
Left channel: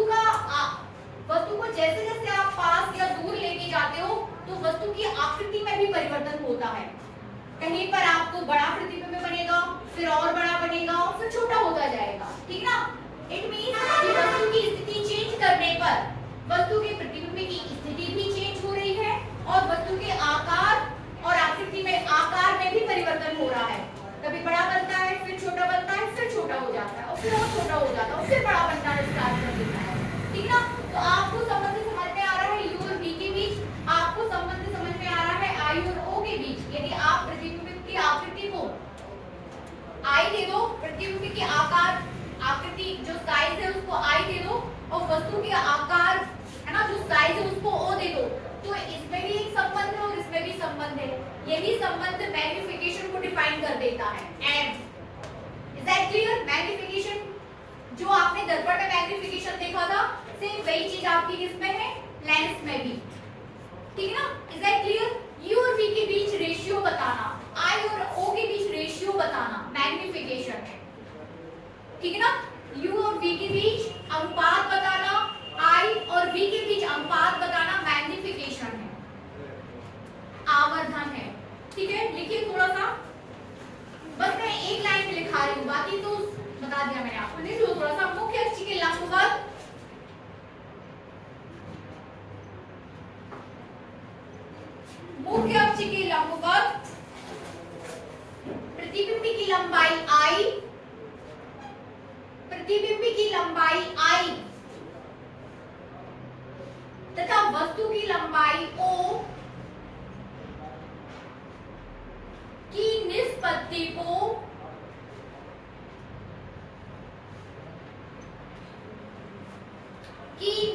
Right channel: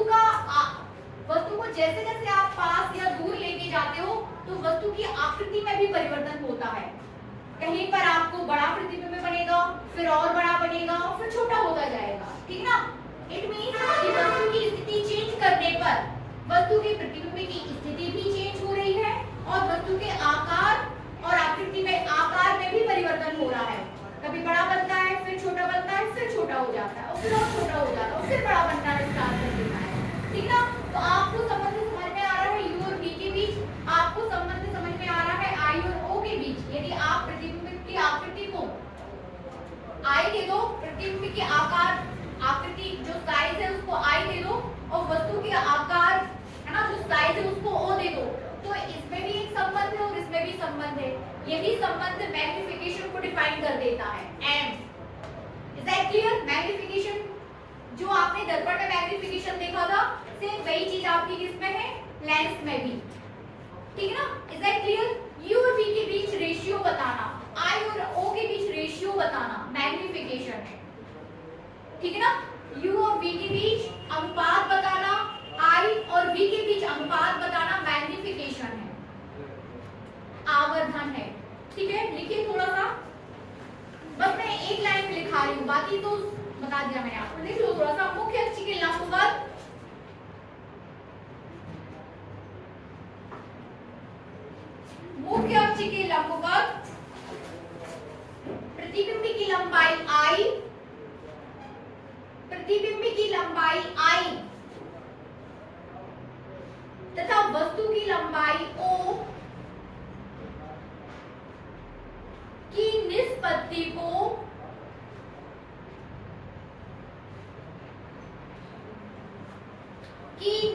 को जैसे जैसे आप पास या दूर लेके जाते हो तो वस्तु की आकृति में भी परिवर्तन होता है। कहीं पर आपको बड़ा प्रतिबिंब बनेगा, फिर और बड़ा बनेगा, फिर छोटा होता जाएगा। ठीक ना? इट मींस कि वस्तु की स्थिति चेंज करने पर वस्तु के प्रतिबिंब की स्थिति भी चेंज हो रही है और वस्तु के आकार और आकृति में आकार में भी परिवर्तन हो रहा है। कभी बड़ा बनता है, फिर छोटा बनता है, फिर छोटा हो जाता है और फिर और छोटा हो जाता है और फिर बड़ा बनता है, स्टार्ट कर देता है। ठीक ना? तो आपको संबंध समझ में आ रहा है u और v के बीच, आपको संबंध समझ में आ रहा है i और o के बीच। यदि आप प्रतिबिंब की आकृति को i दे दो, प्रतिबिंब की आकृति जो साइज है उसको i दे दो और वस्तु के आकार है ना जो साइज है उसको o दे दो, तो इसमें भी एक संबंध है और इसमें भी संबंध है। यही संबंध मैग्निफिकेशन को डिफाइन कर देता है, m। Is that clear? Magnification जो आपने दर्पण में मैग्निफिकेशन देखा था, सेम वही चीज आपकी किसमें है? लेंस में भी। ठीक है ना? Is that clear? u और v के बीच रेशियो बताना, i और o के बीच रेशियो बताना मैग्निफिकेशन है। ठीक है ना? u और v के बीच अनुपात बताना, i और v के बीच अनुपात बताना मैग्निफिकेशन है, आवर्धन है। ठीक है, लिखिए थोड़ा सा, बस मैं एक लाइन में लिखा रही हूँ, बाकी तो बता दिया मैंने आपको। लिख लो थोड़ा सा। मुख्य अक्ष के लंबवत प्रतिबिंब की लंबाई i, प्रतिबिंब की लंबाई i तथा वस्तु की लंबाई o की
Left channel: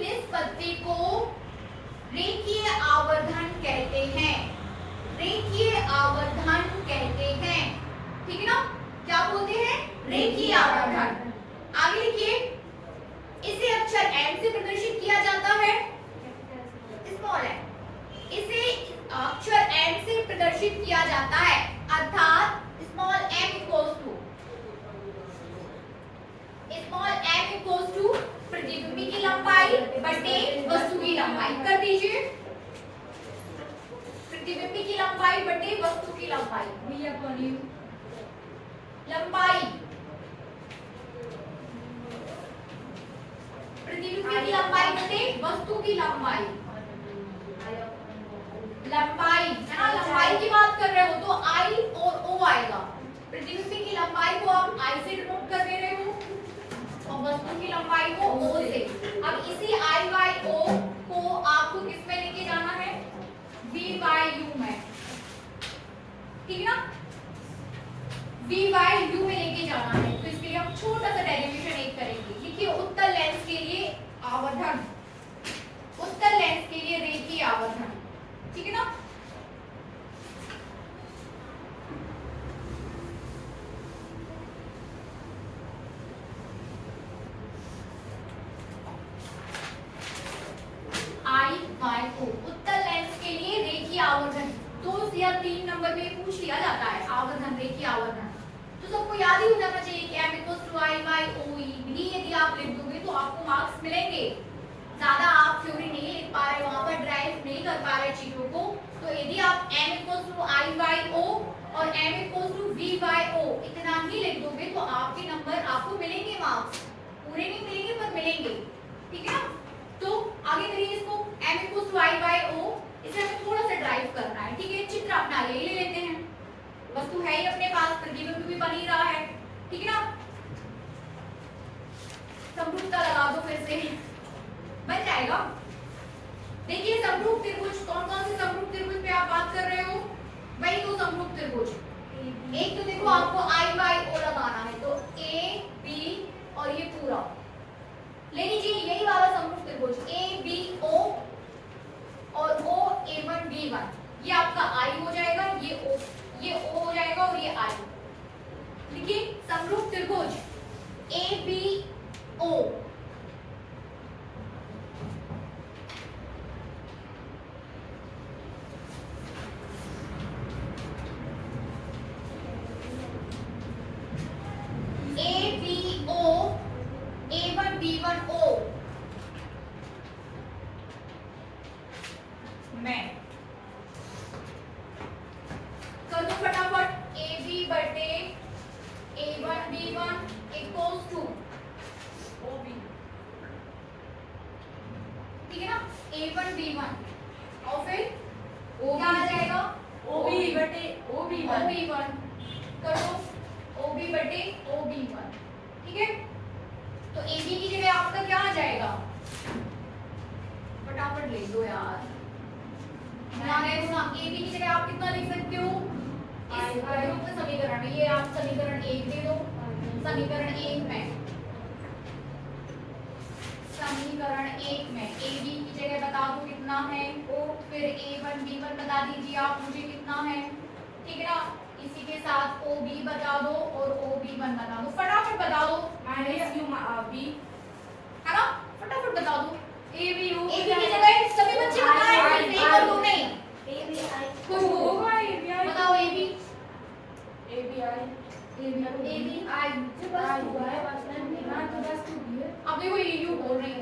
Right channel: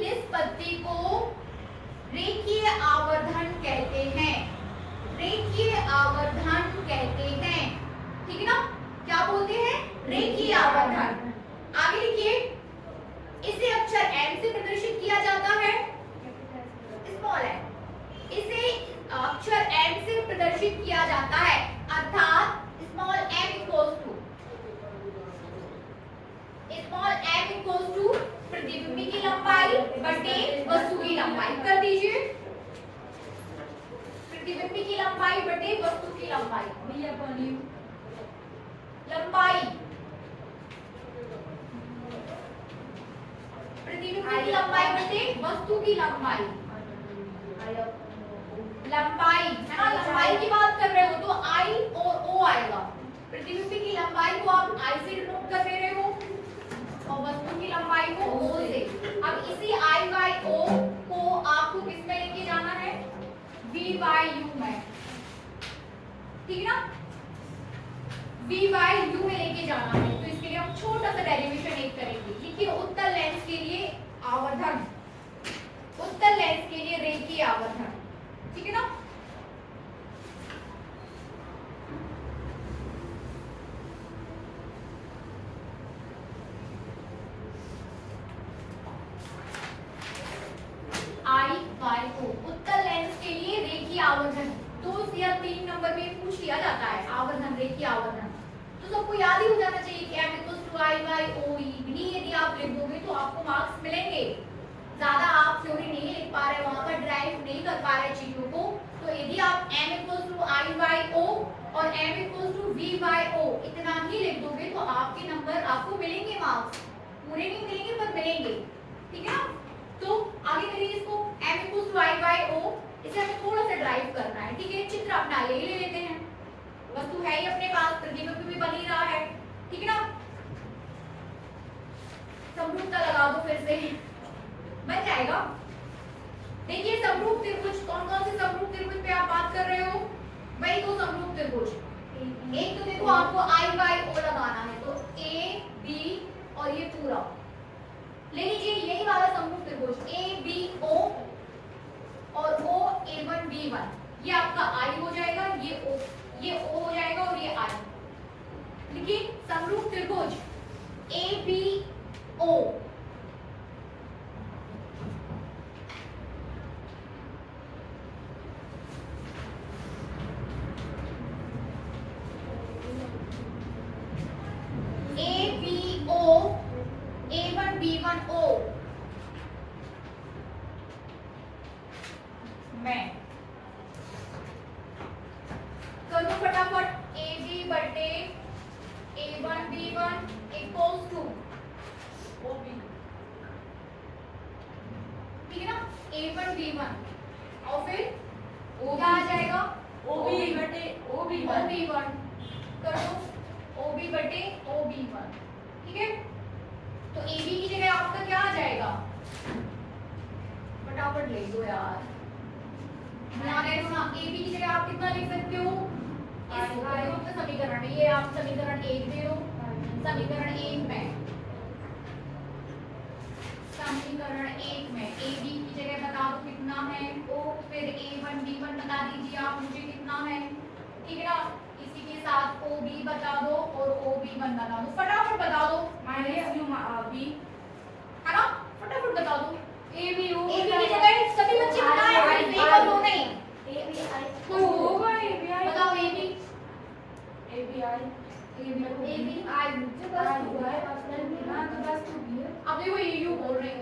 निष्पत्ति को रेखीय आवर्धन कहते हैं। रेखीय आवर्धन कहते हैं। ठीक है ना? क्या बोलते हैं? रेखीय आवर्धन। आगे लिखिए, इसे अक्षर m से प्रदर्शित किया जाता है, स्मॉल m। इसे अक्षर m से प्रदर्शित किया जाता है, अर्थात स्मॉल m इक्वल्स टू प्रतिबिंब की लंबाई बटे वस्तु की लंबाई। कर दीजिए, प्रतिबिंब की लंबाई बटे वस्तु की लंबाई। लंबाई प्रतिबिंब की लंबाई बटे वस्तु की लंबाई। लंबाई है ना, लंबाई की बात कर रहे हो तो i और o आएगा। प्रतिबिंब की लंबाई को आप i से डिनोट कर दे रहे हो और वस्तु की लंबाई को o से। अब इसी i by o को आपको किस में लेके जाना है? v by u में। ठीक है ना? v by u में लेके जाना है। तो इसके लिए हम छोटा सा डेरिवेशन एक करेंगे। लिखिए, उत्तल लेंस के लिए आवर्धन, उत्तल लेंस के लिए रेखीय आवर्धन। ठीक है ना? I by O, उत्तल लेंस के लिए रेखीय आवर्धन 2 या 3 नंबर में पूछ लिया जाता है। आवर्धन, रेखीय आवर्धन तो सबको याद ही हो जाना चाहिए कि m = I by OE। भी यदि आप लिख दोगे तो आपको मार्क्स मिलेंगे। ज्यादा आप थ्योरी नहीं लिख पा रहे, वहां पर ड्राइव नहीं कर पा रहे चीजों को, तो यदि आप m equals to i by o और m equals to v by o इतना ही लिख दोगे तो आपके नंबर आपको मिलेंगे, मार्क्स पूरे नहीं मिलेंगे पर मिलेंगे, ठीक है ना। तो आगे करिए इसको, m equals to i by o, इसे हमें थोड़ा सा ड्राइव करना है, ठीक है। चित्र अपना ले लेते हैं, वस्तु है ही अपने पास, प्रतिबिंब भी बन ही रहा है, ठीक है ना। समरूपता लगा दो फिर से, बन जाएगा। देखिए समरूप त्रिभुज, कौन कौन से समरूप त्रिभुज पे आप बात कर रहे हो, वही दो समरूप त्रिभुज। एक तो देखो आपको आई बाई ओ लगाना है, तो ए बी और ये पूरा ले लीजिए, यही वाला समरूप त्रिभुज ए बी ओ और ओ ए वन बी वन, ये आपका आई हो जाएगा, ये ओ हो जाएगा और ये आई। देखिए समरूप त्रिभुज ए बी ओ, मैं कर दो फटाफट, ए बी बटे A one B one equals to O B, ठीक है ना, ए वन बी वन और फिर क्या आ जाएगा ओ बी बटे ओ बी वन कर दो ओ बी बटे ओ बी वन, ठीक है। तो ए बी की जगह आपका क्या आ जाएगा, फटाफट लिख दो यार, ध्यान है ना। ए बी की जगह आप कितना लिख सकते हो, इस उपयुक्त समीकरण में, ये आप समीकरण 1 दे दो, समीकरण 1 में, समीकरण 1 में ए बी की जगह बता दो कितना है ओ, फिर ए वन बी वन बता दीजिए आप मुझे कितना है, ठीक है ना। इसी के साथ ओ बी बता दो और ओ बी वन बता दो, फटाफट बता दो, माइनस यू बी है ना, फटाफट बता दो। A b u a b की जगह सभी बच्चे बताएं, सिर्फ एक और दो नहीं, ए बी आई कोई होगा, ए बी आई बताओ ए बी आई मुझे बस हुआ है, ना तो बस टू बी है। अब देखो ये यू बोल रही है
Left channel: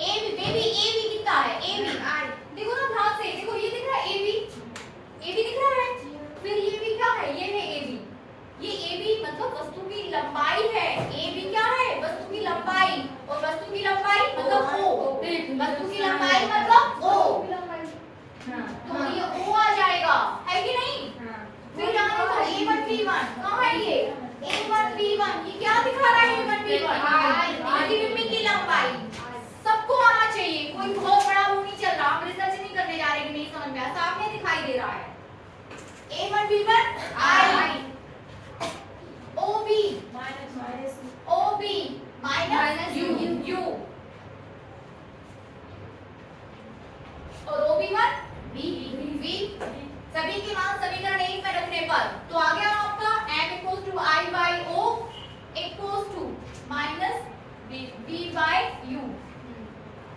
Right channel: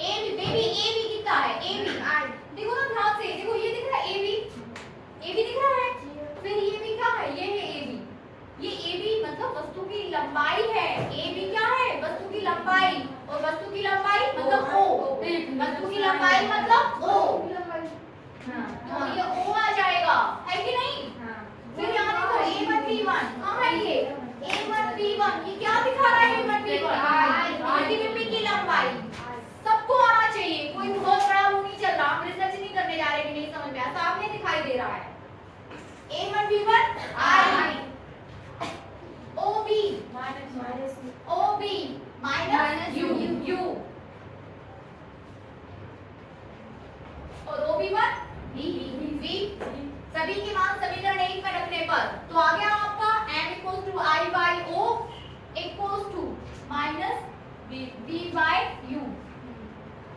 a b, baby a b कितना है, ए बी आई देखो ना ध्यान से, देखो ये दिख रहा है ए बी दिख रहा है, फिर ये भी क्या है, ये है ए बी, ये ए बी मतलब वस्तु की लंबाई है, ए बी क्या है वस्तु की लंबाई, और वस्तु की लंबाई मतलब ओ, वस्तु की लंबाई मतलब ओ, तो ये ओ आ जाएगा, है कि नहीं। फिर यहाँ देखो A1B1 कहाँ है ये A1B1, ये क्या दिखा रहा है A1B1, प्रतिबिंब की लंबाई, सबको आना चाहिए, कोई बहुत बड़ा वो नहीं चल रहा, हम रिसर्च नहीं करने जा रहे कि नहीं समझ में आया, सामने दिखाई दे रहा है A1B1 I OB minus U और OB1 V सभी के मान समीकरण 1 में रखने पर तो आ गया आपका m equals to i by o equals to minus v by u,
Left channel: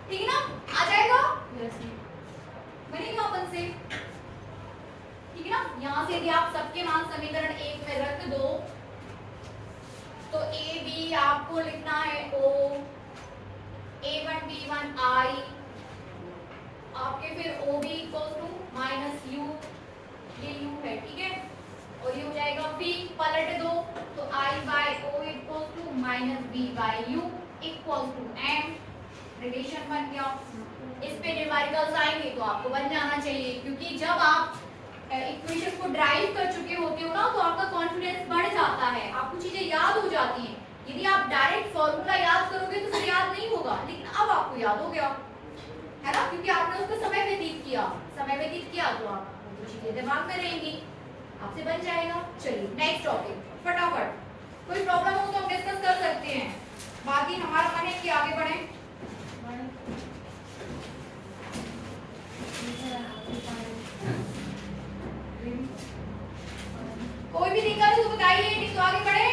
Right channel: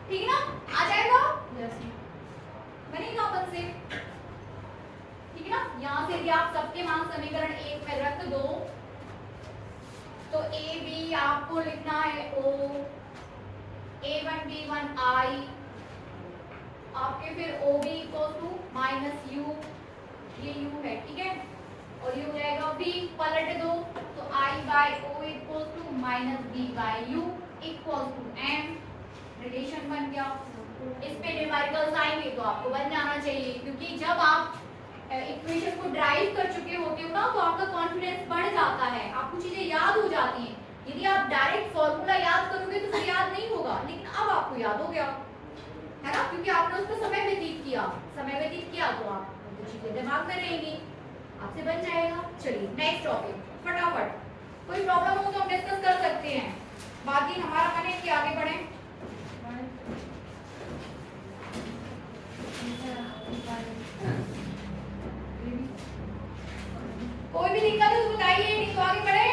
ठीक है ना, आ जाएगा, बनेगा अपन से, ठीक है ना। यहाँ से यदि आप सबके मान समीकरण 1 में रख दो तो a b आपको लिखना है o, a1 b1 i, आपके फिर o b equals to minus u, ये u है, ठीक है, और ये हो जाएगा v, पलट दो तो i by o equals to minus v by u equals to m, relation बन गया। इस पे न्यूमेरिकल साइन है तो आपको बन जाना चाहिए, क्योंकि जब आप इक्वेशन को ड्राइव कर चुके होते हो ना तो आपका कॉन्फिडेंस बढ़ जाता है, आपको चीजें याद हो जाती हैं। यदि आप डायरेक्ट फॉर्मूला याद करोगे तो फिर याद नहीं होगा, लेकिन अब आपको याद हो गया, है ना, क्योंकि आपने उसको समय व्यतीत किया तो आप चीजें दिमाग में रहेंगी, आपसे बन जाएगा। चलिए नेक्स्ट टॉपिक फटाफट, कोई प्रॉब्लम हो तो हम डिस्कस कर सकते हैं, बाकी हमारा मन है कि आगे बढ़े। कोई भी दिक्कत है तो बताइए, नहीं तो आगे बढ़े।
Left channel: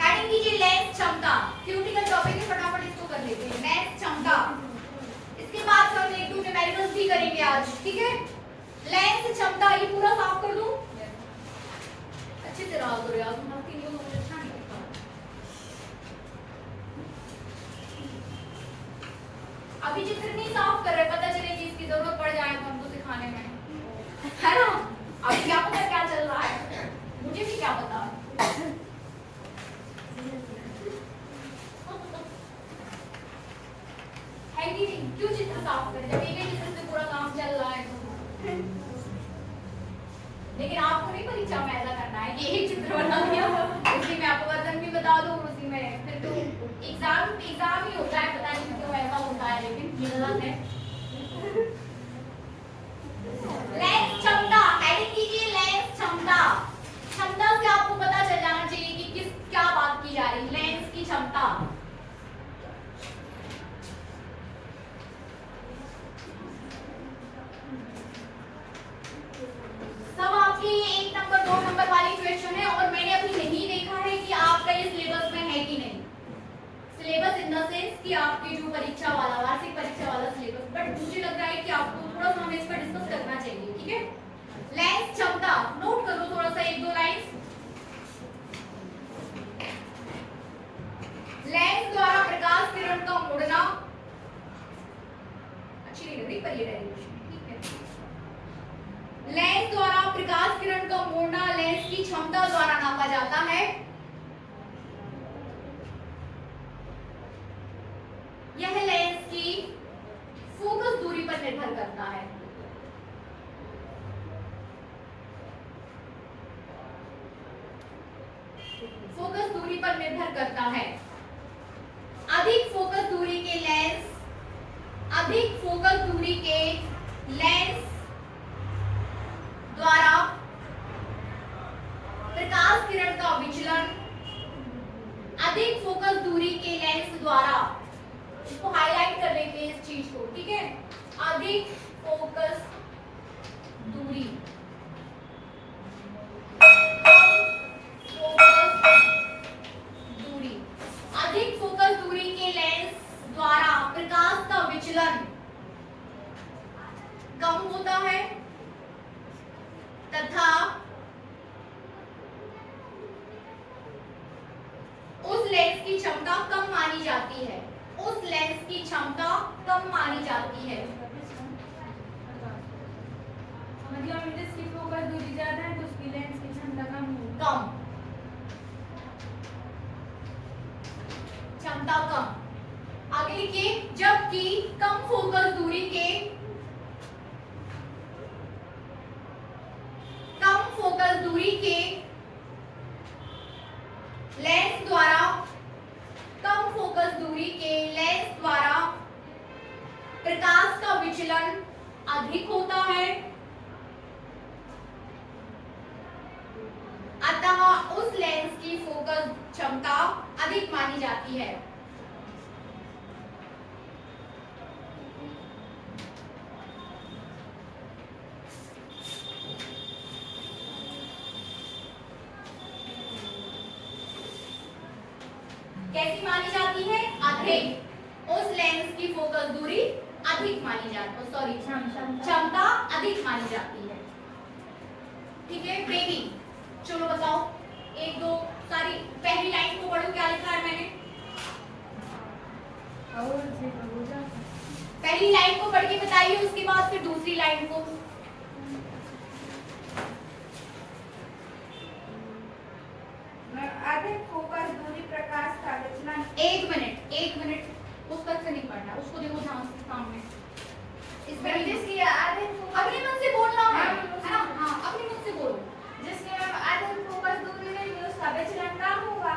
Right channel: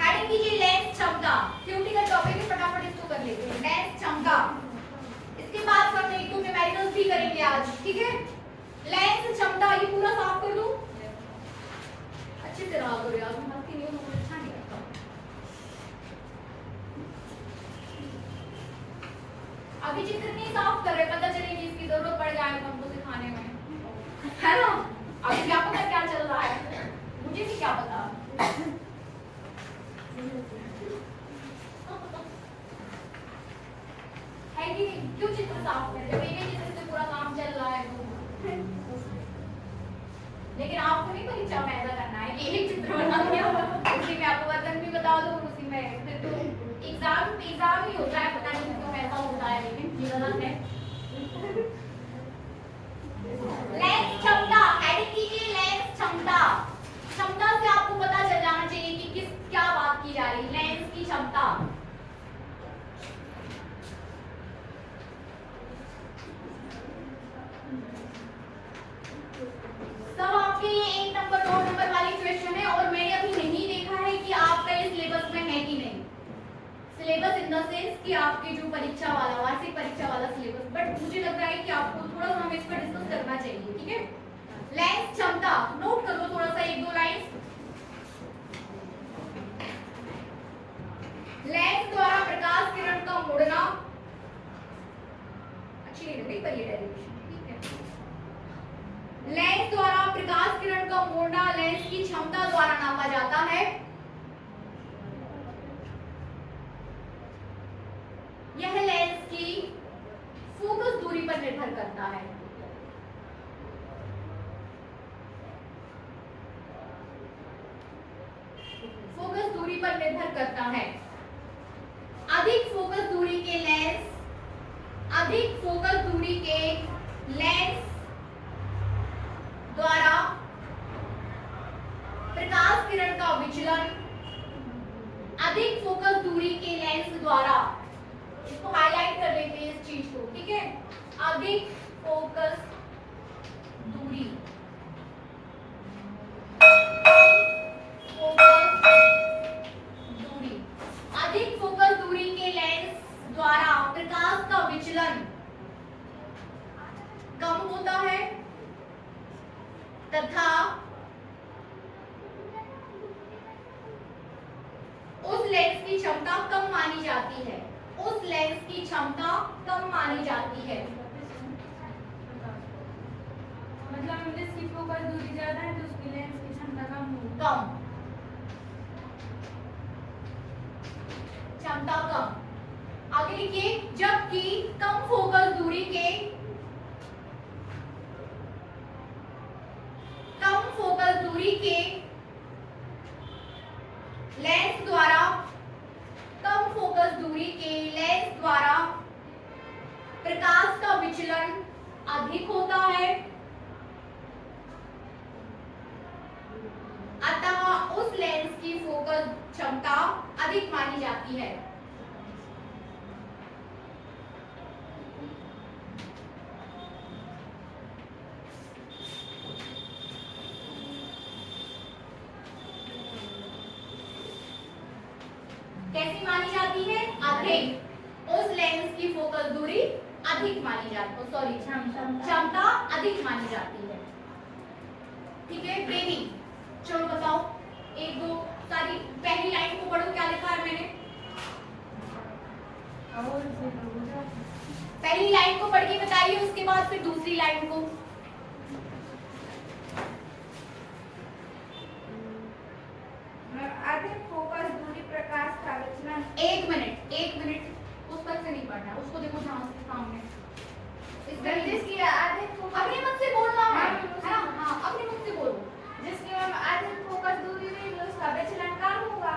हेडिंग कीजिए लेंस क्षमता, थ्योरेटिकल टॉपिक है, फटाफट इसको कर लेते हैं, लेंस क्षमता। इसके बाद हम एक दो न्यूमेरिकल्स भी करेंगे आज, ठीक है। लेंस क्षमता, ये पूरा साफ कर दूं, अच्छे से रहा करो यार, हमारा तीनों नोट अच्छा नहीं लगता। अभी चित्र नहीं साफ कर रहे, पता चले कि इसकी जरूरत पड़ जाए तो हमको सिखाने में, है ना। अभी क्या पता क्या चल रहा है, मुझे भी क्या पता। है कि नहीं, क्यों चित्र साफ करें जब एक ही चित्र से पूरा काम चल रहा है तो। लेकिन आपको नहीं परीक्षा में ऐसा करना है कि एक चित्र बना दिया उसी में आपको वजन भी बता दो और उसी में फिर तो एग्जाम ही होता है, पता नहीं क्यों ऐसा होता है, लेकिन ये गलत है। लेंस क्षमता, एडिट कीजिए लेंस क्षमता। क्षमता से आपको पता चल जाना चाहिए कि किस क्या बात की जा रही है, लेंस की क्षमता। सब आपके ये 1 नंबर 2 नंबर वाली क्वेश्चन है और मैंने अभी नहीं देखा है कि आपका ये सिलेबस में है कि नहीं। सिलेबस इन द सेंस कि आपके जो परीक्षा वाला वार्षिक परीक्षा वाला सिलेबस, बट मुझे लग रहा है कि आपको थोड़ा सा हमें इस पर डिस्कस करना चाहिए, ठीक है। लेंस क्षमता नोट कर लो थोड़ा सा 1-2 लाइन। लेंस द्वारा प्रकाश किरण का मुड़ना, अच्छी नहीं लग रही पर ये डेरिवेशन ठीक है। लेंस द्वारा प्रकाश किरण का मोड़ना लेंस की क्षमता द्वारा नापा जाता है। यह लेंस की फोकस दूरी पर निर्भर करता है। फोकस दूरी पर निर्भर करता है। अधिक फोकस दूरी के लेंस, अधिक फोकस दूरी के लेंस द्वारा प्रकाश किरण का विचलन, अधिक फोकस दूरी के लेंस द्वारा, इसको हाईलाइट कर लेंगे इस चीज को, ठीक है। अधिक फोकस दूरी, अधिक फोकस दूरी के लेंस द्वारा प्रकाश का विचलन कम होता है तथा उस लेंस की क्षमता कम मानी जाती है। उस लेंस की क्षमता कम मानी जाती है। मतलब हम जिसकी फोकस दूरी ज्यादा है तो उसकी लेंस की क्षमता कम होगी। कम क्षमता कम। आगे लिखिए, जबकि कम फोकस दूरी के, कम फोकस दूरी के लेंस द्वारा, कम फोकस दूरी के लेंस द्वारा प्रकाश का विचलन अधिक होता है, अतः उस लेंस की फोकस क्षमता अधिक मानी जाती है। कैसी मानी जाती है? अधिक। उस लेंस की फोकस दूरी अधिक मानी जाती है, सॉरी क्षमता अधिक मानी जाती है, ठीक है। बेबी चलो बताओ 1-2 सारी पहली लाइन को पढ़ो, क्या लिखा है मैंने? पहली लाइन को पढ़ के बताइए, उसके बाद फिर दूसरी लाइन को। अधिक फोकस दूरी प्रकाश का विचलन। 1 मिनट पुस्तक से नहीं पढ़ना, उसको देखो ध्यान से सामने। इसमें जिसकी अधिक फोकस, अपने मन से बोलना है ना? हाँ अपने मन से बोलो। जिसकी अधिक फोकस दूरी रहेगी उसका विचलन कम होगा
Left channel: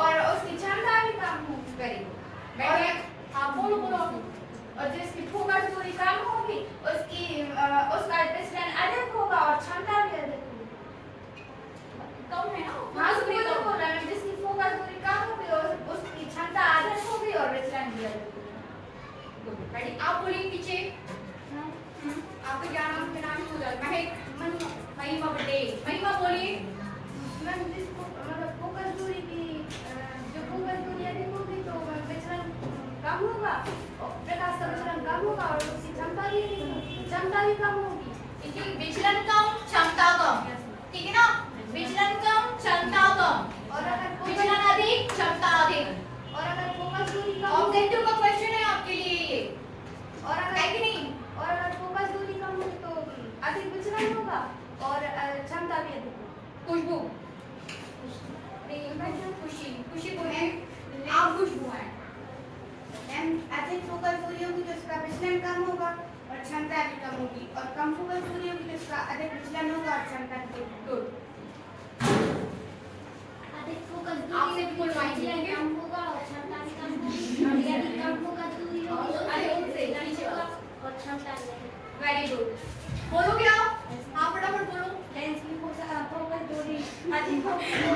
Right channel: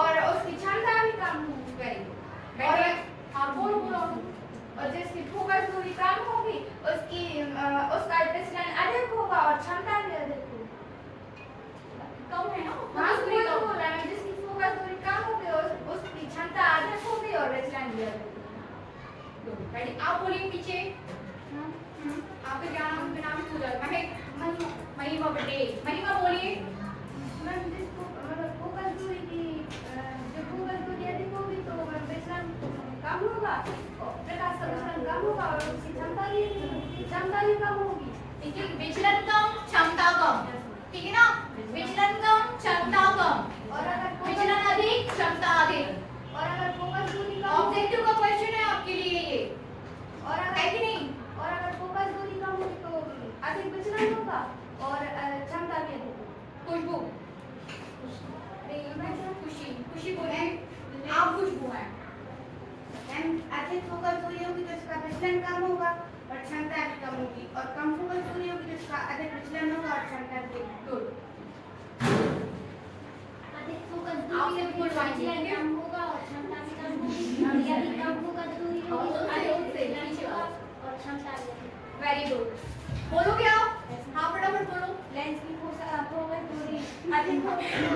और उसकी क्षमता भी कम होगी। Very good. हाँ बोलो बोलो। और जिसकी फोकस दूरी कम होगी उसका विचलन अधिक होगा और क्षमता भी अधिक होगी। कम है ना? हाँ तो बोल रहा है, जिसकी फोकस दूरी कम होगी उसकी क्षमता अधिक होगी और विचलन भी अधिक होगा। रेडी? आप बोलिए पीछे। आपका ज्ञान बिना भी हो जाएगा। महिमा पटेल, महिमा बोलिए। मैम मतलब फोकस दूरी की जो फोकस दूरी अधिक होगी तो विचलन कम होगा, प्रकाश का विचलन कम होगा और उसकी क्षमता भी कम होगी। ठीक है, विचलन कम क्षमता कम, ठीक है ना? विचलन कम क्षमता कम और अगर विचलन अधिक क्षमता अधिक। और अगर फोकस दूरी कम ऑब्जेक्टिव का क्वेश्चन है आपके लिए ये। अधिक फोकस दूरी होगी तो इसका विचलन कम होगा और क्षमता भी कम होगी, और कम फोकस दूरी होगी तो इसका अधिक विचलन होगा और क्षमता भी गुड। अधिक फोकस आपसे दूरी फुल माइंड विचलन लिखेंगे। कम होगा और क्षमता भी कम होगी, और यदि कम फोकस दूरी होगी तो अधिक से विचलन पीछे होगा वाला। और क्षमता भी अधिक। वेरी गुड, बोलोगे आप? हाँ फटाफट बोलो। लेंस की फोकस दूरी अधिक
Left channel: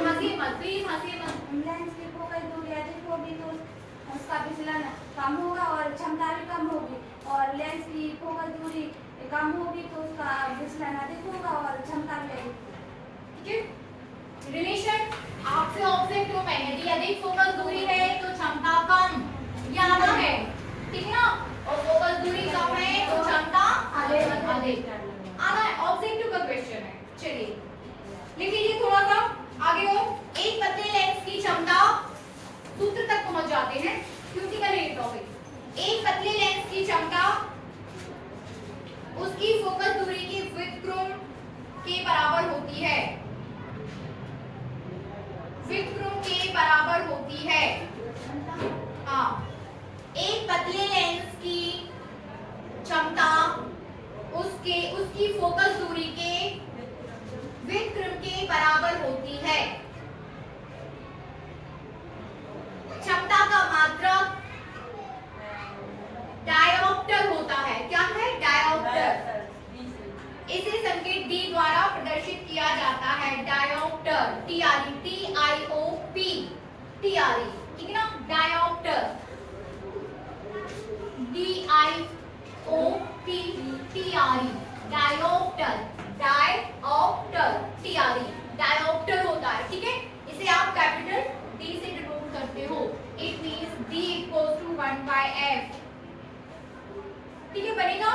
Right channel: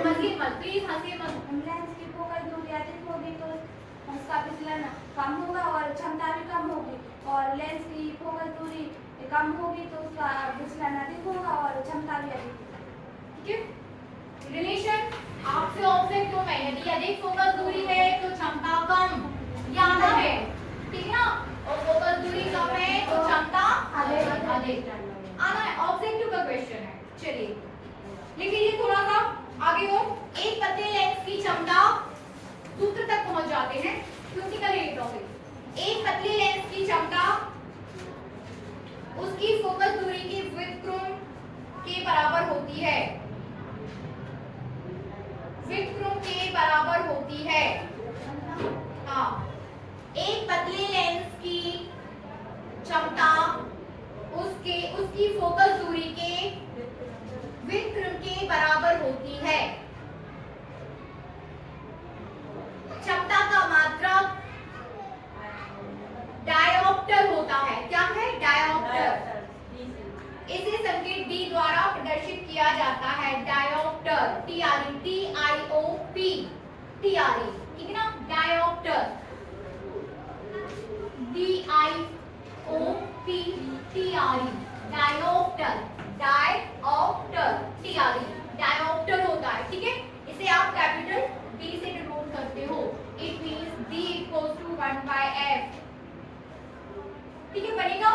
हंसिए मत प्लीज, हंसिए मत। लेंस की फोकस दूरी अधिक होगी तो उसका विचलन कम होगा और क्षमता भी कम होगी, और लेंस की फोकस दूरी कम होगी तो उसका विचलन अधिक होगा और क्षमता भी अधिक होगी। ठीक है, रिलेशन आपसे ऑब्जेक्ट टू में यदि अधिक फोकस दूरी है तो क्षमता कम, ये आना है, ठीक है ना, और फोकस दूरी कम है तो क्षमता अधिक आना है। ऑब्जेक्टिव का क्वेश्चन है, चलिए लिख लीजिए थोड़ा सा आगे और। एक पतले लेंस की क्षमता, सूत्र तक पहुंच जाते हैं क्योंकि कल ये टॉपिक। एक पतले लेंस की क्षमता उसकी फोकस दूरी के व्युत्क्रम के बराबर होती है, व्युत्क्रम के बराबर होती है। हाँ, एक पतले लेंस की क्षमता उसकी फोकस दूरी के व्युत्क्रम के बराबर होती है। क्षमता का मात्रक डायोप्टर होता है। क्या है? डायोप्टर। इसे संकेत D द्वारा प्रदर्शित किया जाता है, डायोप्टर, TRE, TIOP, TRE, ठीक है ना, dioptre, DIOP, TRE, dioptre, dioptre, TRE, dioptre होता है, ठीक है। इसे आप कैपिटल D से डिनोट करते हो। It means D equals to 1/f, ठीक है, बनेगा।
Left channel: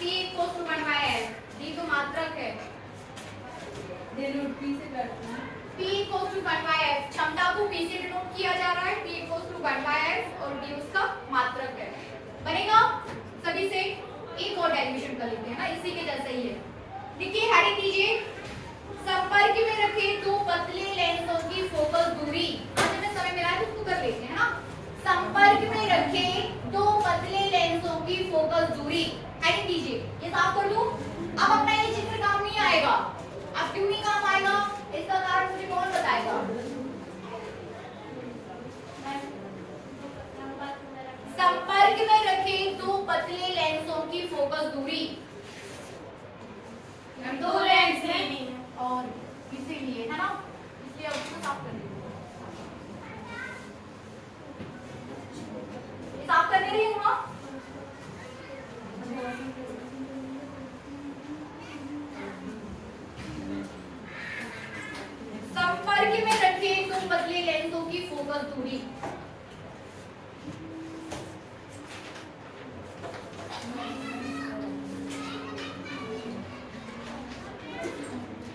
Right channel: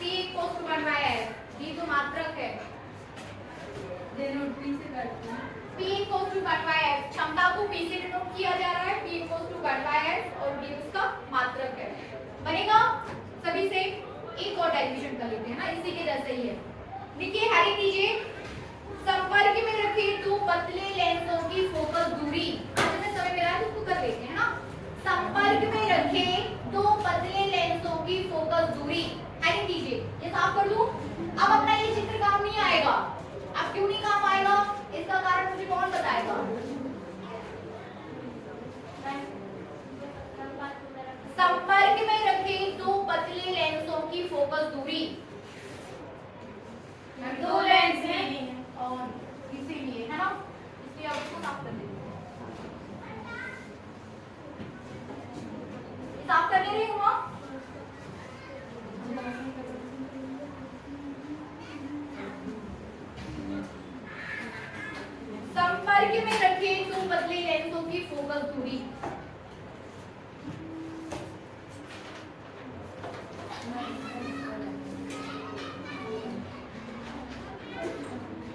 P equals to 1/f, D तो मात्रक है, डिनोट P से करते हैं। P इक्वल्स टू 1/f, क्षमता को P से डिनोट किया जा रहा है, P इक्वल्स टू 1/f और D उसका मात्रक है, बनेगा। सभी से एक और डेरिवेशन कर लेते हैं ना, इसी के जैसे ही है। देखिए हेडिंग दीजिए, संपर्क में रखे दो पतले लेंसों की फोकस दूरी। आज हमें समय मिला है तो उसको कर लेते हैं ना। संपर्क में रखे दो पतले लेंसों की फोकस दूरी, हेडिंग दीजिए। ये साफ कर दूं? अब अपना ये चित्र काम नहीं आएगा। अब क्यों नहीं काम आएगा? इसका कारण मुझे कौन बताएगा? संपर्क में रखे दो पतले लेंसों की फोकस दूरी, दो लेंस हैं और इसीलिए, है ना, इसलिए अब इसको साफ कर देंगे। साफ करने रही हूँ। संपर्क में रखे दो पतले लेंसों की फोकस दूरी,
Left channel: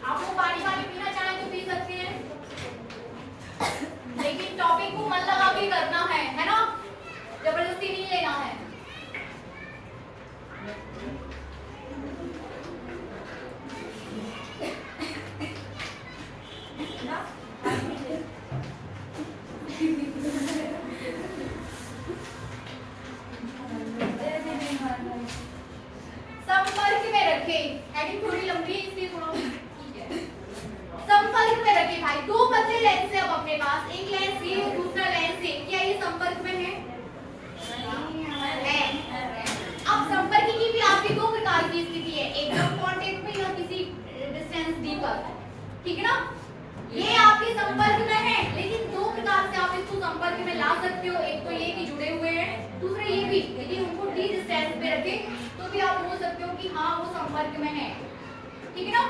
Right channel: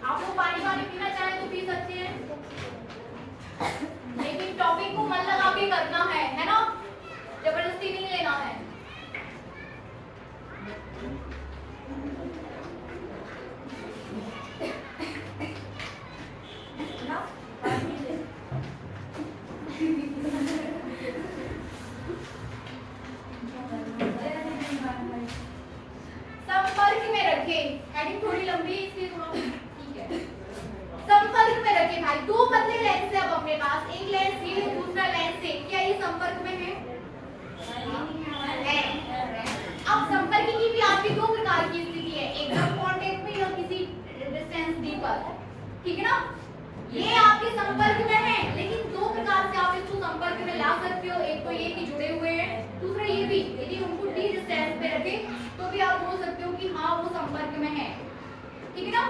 आप लोग पानी वानी पीना चाहें तो पी सकते हैं, लेकिन टॉपिक को मन लगा के करना है ना, जबरदस्ती नहीं लेना है। संपर्क में रखे, हेडिंग थोड़ी लंबी इसलिए थोड़ा ठीक है। संपर्क में रखे भाई दो पतले लेंस है अब अपने पास, एक लेंस ये दूसरा लेंस ये, क्या ये संपर्क में है? अब संपर्क की भी आपकी दो प्रकार की स्थिति है, एकदम कांटेक्ट में या किसी डिस्टेंस डी पर, ठीक है ना। ये आपके संपर्क में है, लेकिन दो प्रकार से आप इसको संपर्क में ला सकते हो। एक तो ये कि जुड़े हुए हैं, दूसरा ये भी यदि उनको डी डिस्टेंस पे रखे तो भी आप बोल सकते हो कि हाँ वो संपर्क में है, ठीक है ना।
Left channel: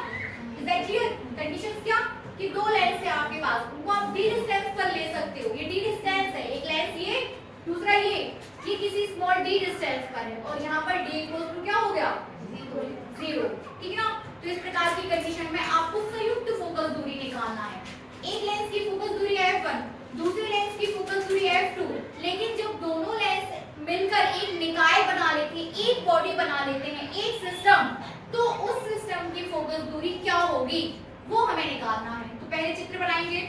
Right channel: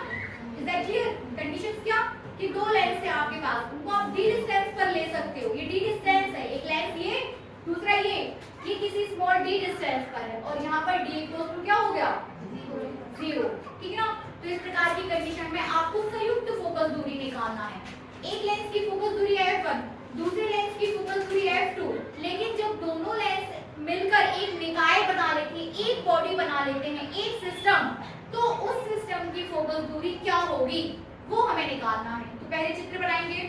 Is that clear? कंडीशंस क्या कि दो लेंस है आपके पास, उनको आप डी डिस्टेंस पर ले सकते हो। ये डी डिस्टेंस है, एक लेंस ये, दूसरा ये किसी स्मॉल डी डिस्टेंस पर है, और यहाँ पर डी इक्वल्स टू क्या हो गया? 0, ठीक है ना। तो इस प्रकार की कंडीशन में आपको संयुक्त फोकस दूरी निकालना है। एक लेंस की फोकस दूरी f1, दूसरे लेंस की फोकस दूरी f2, लेकिन जब दोनों लेंस मिलकर एक निकाय बना लेते हैं, एक बॉडी बना लेते हैं, एक सिस्टम, तो उस सिस्टम की फोकस दूरी क्या होगी वो हमें निकालना है। तो पहले चित्र बनाएंगे।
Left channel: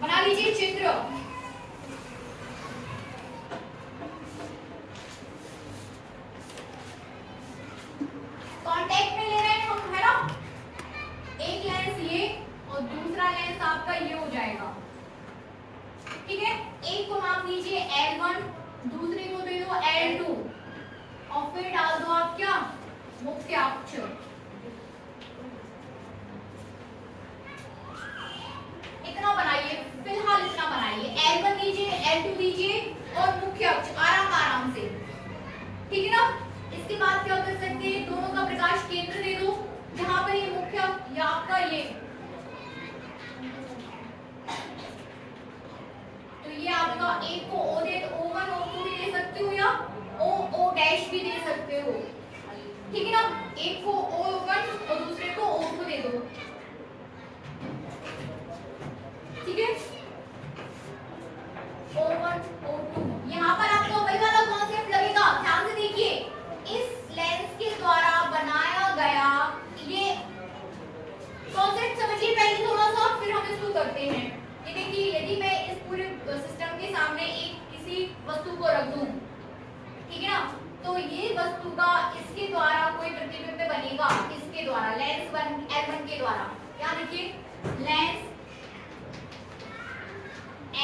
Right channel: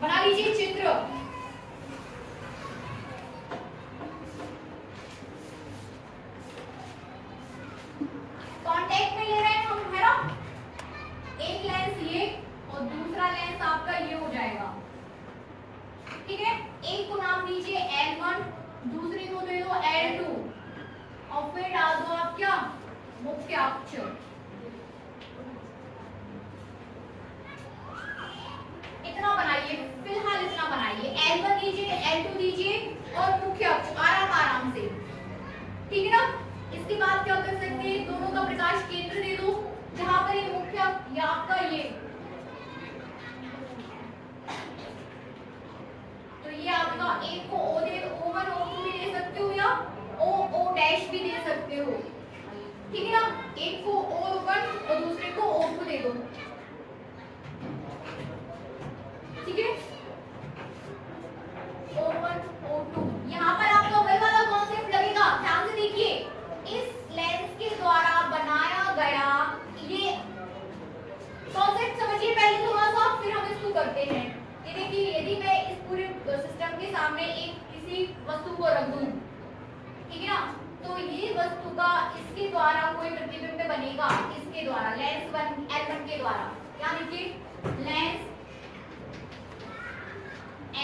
बना लीजिए चित्र। कांटेक्ट में ले रहे हैं हम, है ना। एक लेंस ये और दूसरा लेंस आपका ये हो जाएगा, ठीक है। एक को नाम दीजिए L1, दूसरे को दे दो L2 और फिर डाल दो आप क्या, मुख्य अक्ष। इतना बनाइए, फिलहाल इतना बनाइए। L1 दीजिए, L2 दीजिए और मुख्य अक्ष आराम आराम से, ठीक है ना। इसके बाद क्या कर सकते हैं, दोनों का प्रकाश केंद्र दे दो, जहां पर ये मुख्य या आपका ये, तो ये आपका एक को O दे दो, O1 O2 भी दे सकते हो या O डैश भी दे सकते हो, ठीक है ना। एक को O1 और दूसरे को O2 दे दो, ठीक है। O1 O2 यहाँ पर आपको वही वाला कॉन्सेप्ट लगेगा। ध्यान से देखिए, इस लेंस के द्वारा बनाया गया ये कॉन्सेप्ट समझिए पहले थोड़ा सा, फिर हम इसको करते हैं। ये देखिए, यदि मैं इस पूरे सिस्टम के सामने एक किसी वस्तु को रख दूं, ठीक है ना, तो ये वस्तु का इसके द्वारा कोई प्रतिबिंब बनेगा, इसके द्वारा लेंस L1 के द्वारा। क्या देखिए, लेंस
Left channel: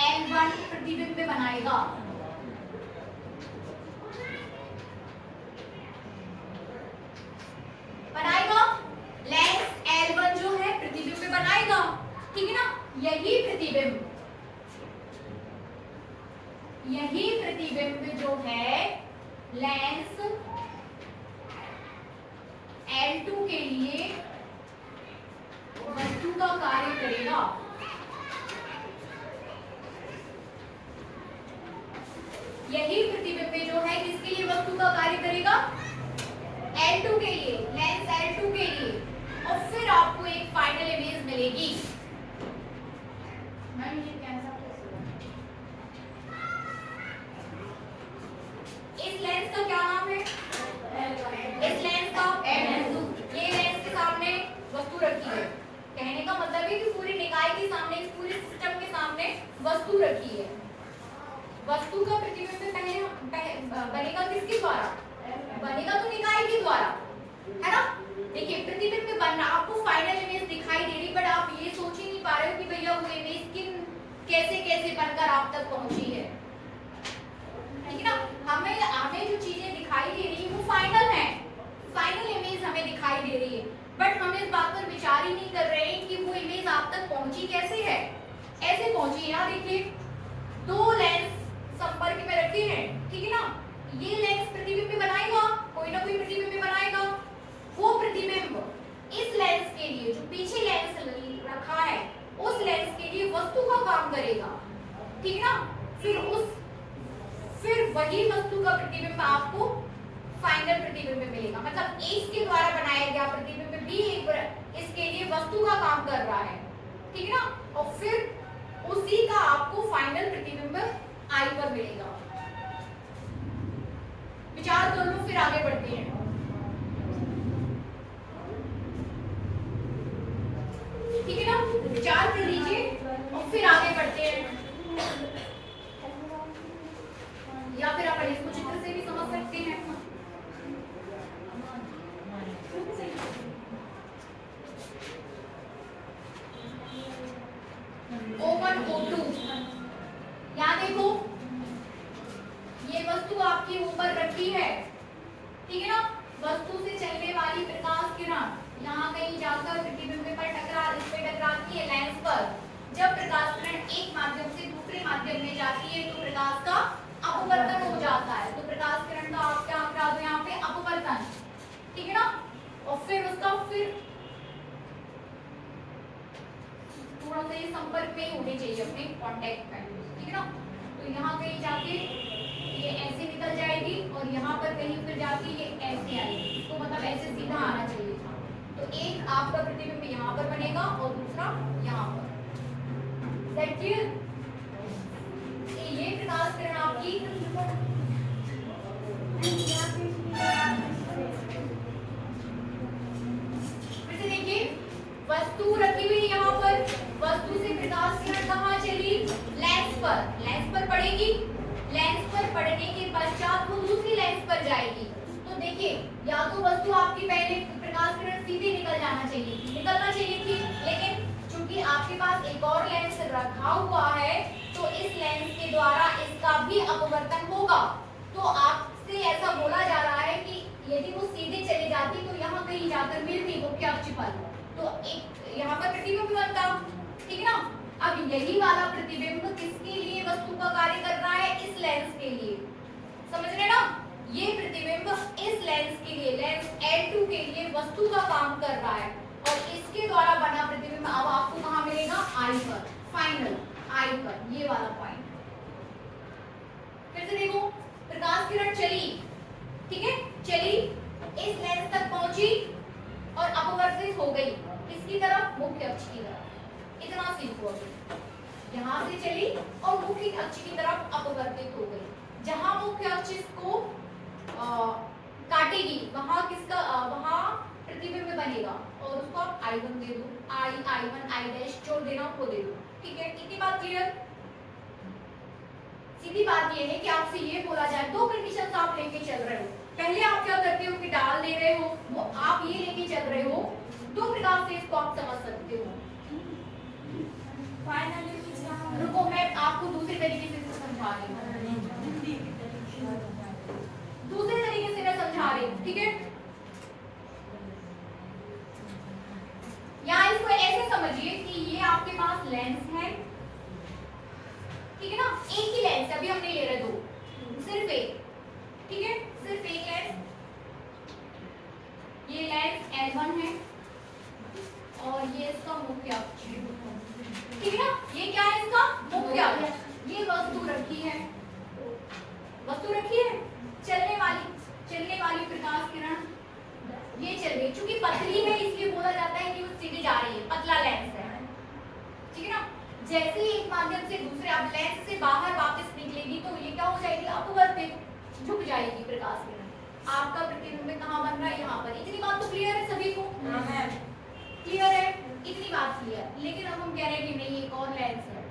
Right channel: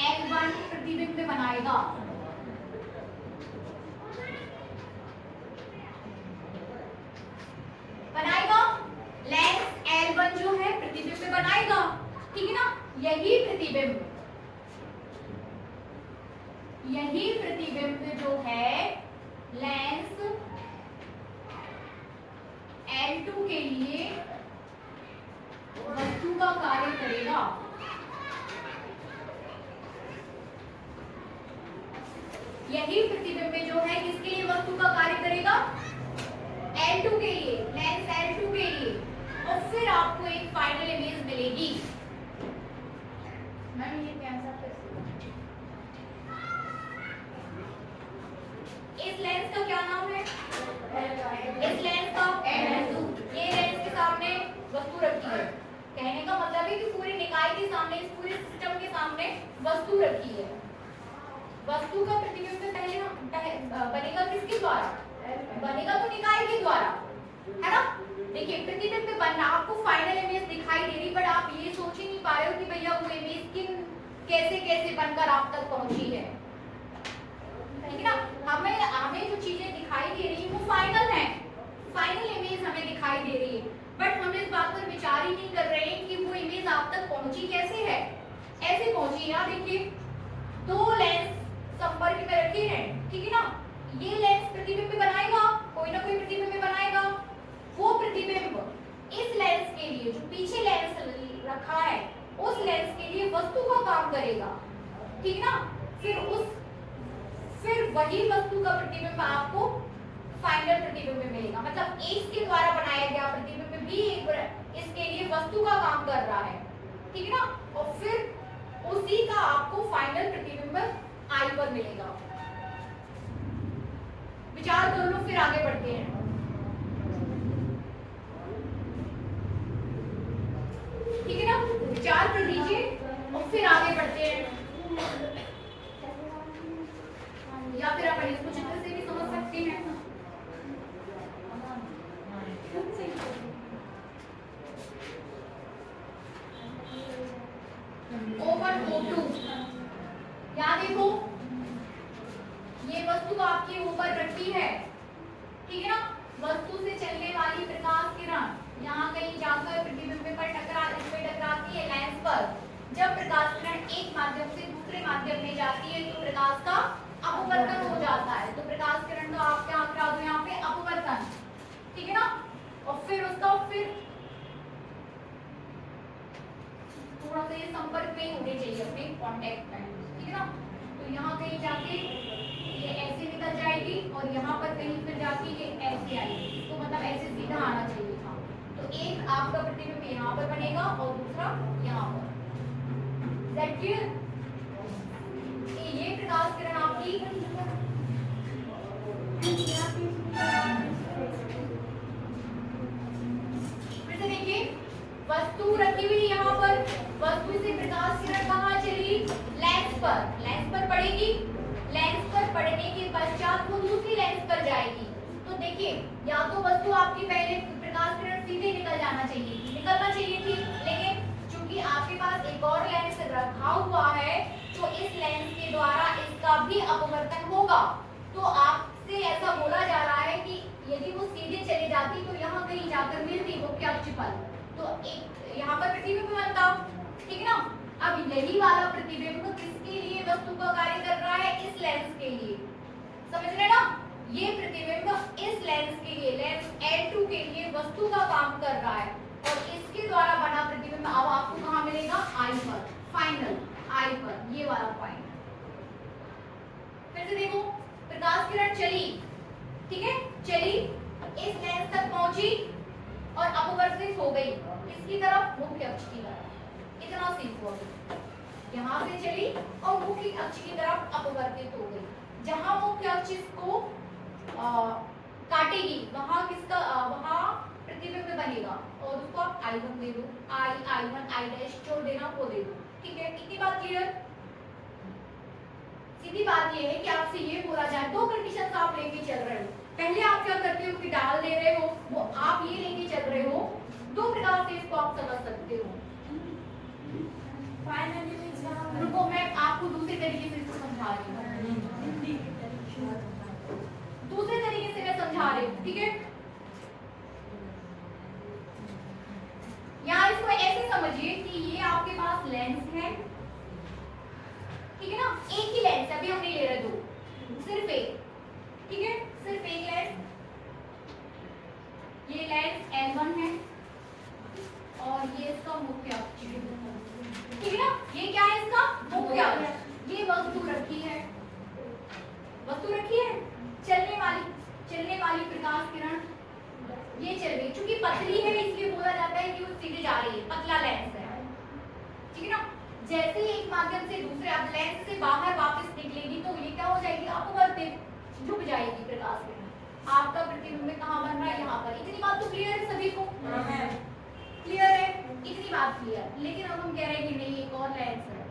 L1 प्रतिबिंब बनाएगा, लेंस L1 जो है प्रतिबिंब बनाएगा, ठीक है ना। यही प्रतिबिंब जो है लेंस L2 के लिए वस्तु का कार्य करेगा। यही प्रतिबिंब जो है किसके लिए वस्तु का कार्य करेगा, L2 के लिए, लेंस L2 के लिए, और फिर आपको एक फाइनल इमेज मिलेगी। मैम ये कैसा कैसे इस लेंस का क्या नाम है, इस लेंस का L2। ये लेंस के सामने वस्तु रखी है, कहने का मतलब है कि पूरी निकाय के सामने, इस पूरे सिस्टम के सामने वस्तु रखी है। वस्तु का प्रतिबिंब पहले बनेगा किसके द्वारा, बनेगा तो निकाय के द्वारा, है ना। देखिए, प्रतिबिंब बनना, आपको फाइनल इमेज दिखाई दे रही, बट आप ये सोच ही नहीं पा रहे हो कि भैया वो इमेज कैसे कैसे बनकर आप तक पहुंची है, ठीक है ना। हमें जो चीजें दिखाई दे रही है वो फाइनल है, फाइनल इमेज हमें दिखाई दे रही है, बट हम इस बात पर विचार ही नहीं कर रहे हैं कि वो इमेज आप तक पहुंची कैसे है। ऐसे पहुंची, यहाँ देखिए, दो लेंस संपर्क में रखे हैं, ठीक है ना। ये लेंस प्रतिबिंब बनाएगा, कोई ना कोई प्रतिबिंब बनाएगा। वो प्रतिबिंब इस लेंस के लिए, जो पीछे लेंस रखा है, उस लेंस के लिए वस्तु का काम करेगा, ठीक ना। फिर वही वस्तु का प्रतिबिंब आपको फाइनल प्रतिबिंब मिलेगा। मतलब इसके द्वारा बनाया गया प्रतिबिंब भी इसके लिए वस्तु का काम कर रहा है, ठीक है ना। और फिर उसी का आपको फाइनल प्रतिबिंब आई पर मिलेगा। विचार कर लो, फिर आगे बढ़ते हैं। ठीक है ना, विचार कर लीजिए और फिर आगे बढ़ते हैं। या फिर अपन इसको चित्र से भी समझ सकते हैं। O1 O2, यहाँ देखो, ये वस्तु आपके ऊपर रखी है, ठीक है ना। वस्तु से चलने वाली प्रकाश किरण यहाँ कहीं जाकर प्रतिबिंब पर टकराती है लेंस पर। जब प्रकाश किरण एक माध्यम से दूसरे माध्यम में जाती है तो प्रकाश का अपवर्तन हो जाता है। तो प्रकाश किरण का आप क्या करा दो यहाँ पे, अपवर्तन, ठीक है ना। और फिर उसका थोड़ा सा ये संपर्क में होने चाहिए अपने कांटेक्ट में, ठीक है ना। तो यहाँ कहीं जाके ये ऐसे निकल जाएगी और यहाँ पर कहीं फिर जाके ये ऐसे आएगी, तो मतलब ऐसे सीधा आना चाहिए था। तो एक आपका प्रतिबिंब यहाँ पर बनेगा और दूसरा यहाँ पर। ये प्रकाश किरण आपकी फिर से देखिए, वस्तु रखी हुई यहाँ पर, वस्तु से प्रकाश किरण कहाँ चली, लेंस पर पड़ेगी, लेंस पर पड़ने के पश्चात वो दूसरी लेंस पर जाएगी। तो देखिए, या तो वस्तु आपकी पहले प्रकाश किरण सीधे निकल जाना चाहिए थी, निकलना चाहिए थी, लेकिन चूंकि आपके पास एक और लेंस रखा हुआ है तो इस लेंस के द्वारा इसका भी अपवर्तन होगा। तो आपसे ऐसा बोला जा रहा है कि यदि वो सीधे चली जाती तो यहाँ कहीं जाकर मिलती मुख्य अक्ष पर, तो एक यहाँ पर प्रतिबिंब बनता, ठीक है ना। अब यही वाला प्रतिबिंब किसके लिए वस्तु का कार्य कर रहा है, इस लेंस के लिए, समझ रहे ना। ये प्रतिबिंब इस लेंस के लिए, लेंस L2 के लिए वस्तु का काम कर रहा है और इसके द्वारा बना प्रतिबिंब अब आपको कहाँ मिलेगा, आई पर, फाइनल आई पर, ये वाला पॉइंट। फिर से देखो, प्रकाश किरण चली, ठीक है, चली, इस लेंस तक पहुंची और अपवर्तित हो गई किसकी तरफ, मुख्य अक्ष की तरफ। इतना सीखो अभी, यहाँ से चली और मुख्य अक्ष की तरफ अपवर्तित हो गई। जहां मुख्य अक्ष इसको काटेगी वहां किसका, वहां प्रतिबिंब बनेगा और उसको आप I1 दे दो, I1 I डैश जोड़ देना, वो दे दो, ठीक है। इतनी बात क्लियर। सीधी बात ये है कि आपसे ये बोला जाए, दो कंडीशंस आप लेके चल रहे हो। पहले आप क्या करते हो कि डाल दे रहे हो, वो आप ये लेके चल रहे हो, दो प्रकार से इसको आप समझ सकते हो। फाइनली रुको, मैं आपको दूसरे तरीके से इसको समझा रही हूँ, दूसरे तरीके से मैं समझा रही हूँ, ठीक है। यहाँ इसको ऐसे समझिए कि ये आपके पास लेंस है, ठीक है ना, एक ही लेंस है, अभी हम नहीं ले रहे दो, सिर्फ एक, ठीक है, सिर्फ एक लेंस। ये लेंस L1 है और ये इसका मुख्य अक्ष है, ठीक है ना। ये क्या है, इसका मुख्य अक्ष। ये वस्तु रखी है, वस्तु रखी है, चलने वाली प्रकाश किरण ये चल रही, चूंकि पतली है इसलिए बोला जाता है कि वो सीधे जा रही है, पतला लेंस है, ठीक है ना। जैसे ही एक माध्यम से दूसरे अब लेंस से बाहर वापस निकलेगी तो ये क्या हो जाएगी, अपवर्तित, झुक जाएगी प्रकाश किरण। आपका प्रतिबिंब कहाँ बन रहा है, यहाँ पर। इतनी बात तो क्लियर है सभी को, क्लियर है, इतनी बात क्लियर। लेकिन अब हम कह रहे हैं कि नहीं, एक और लेंस है,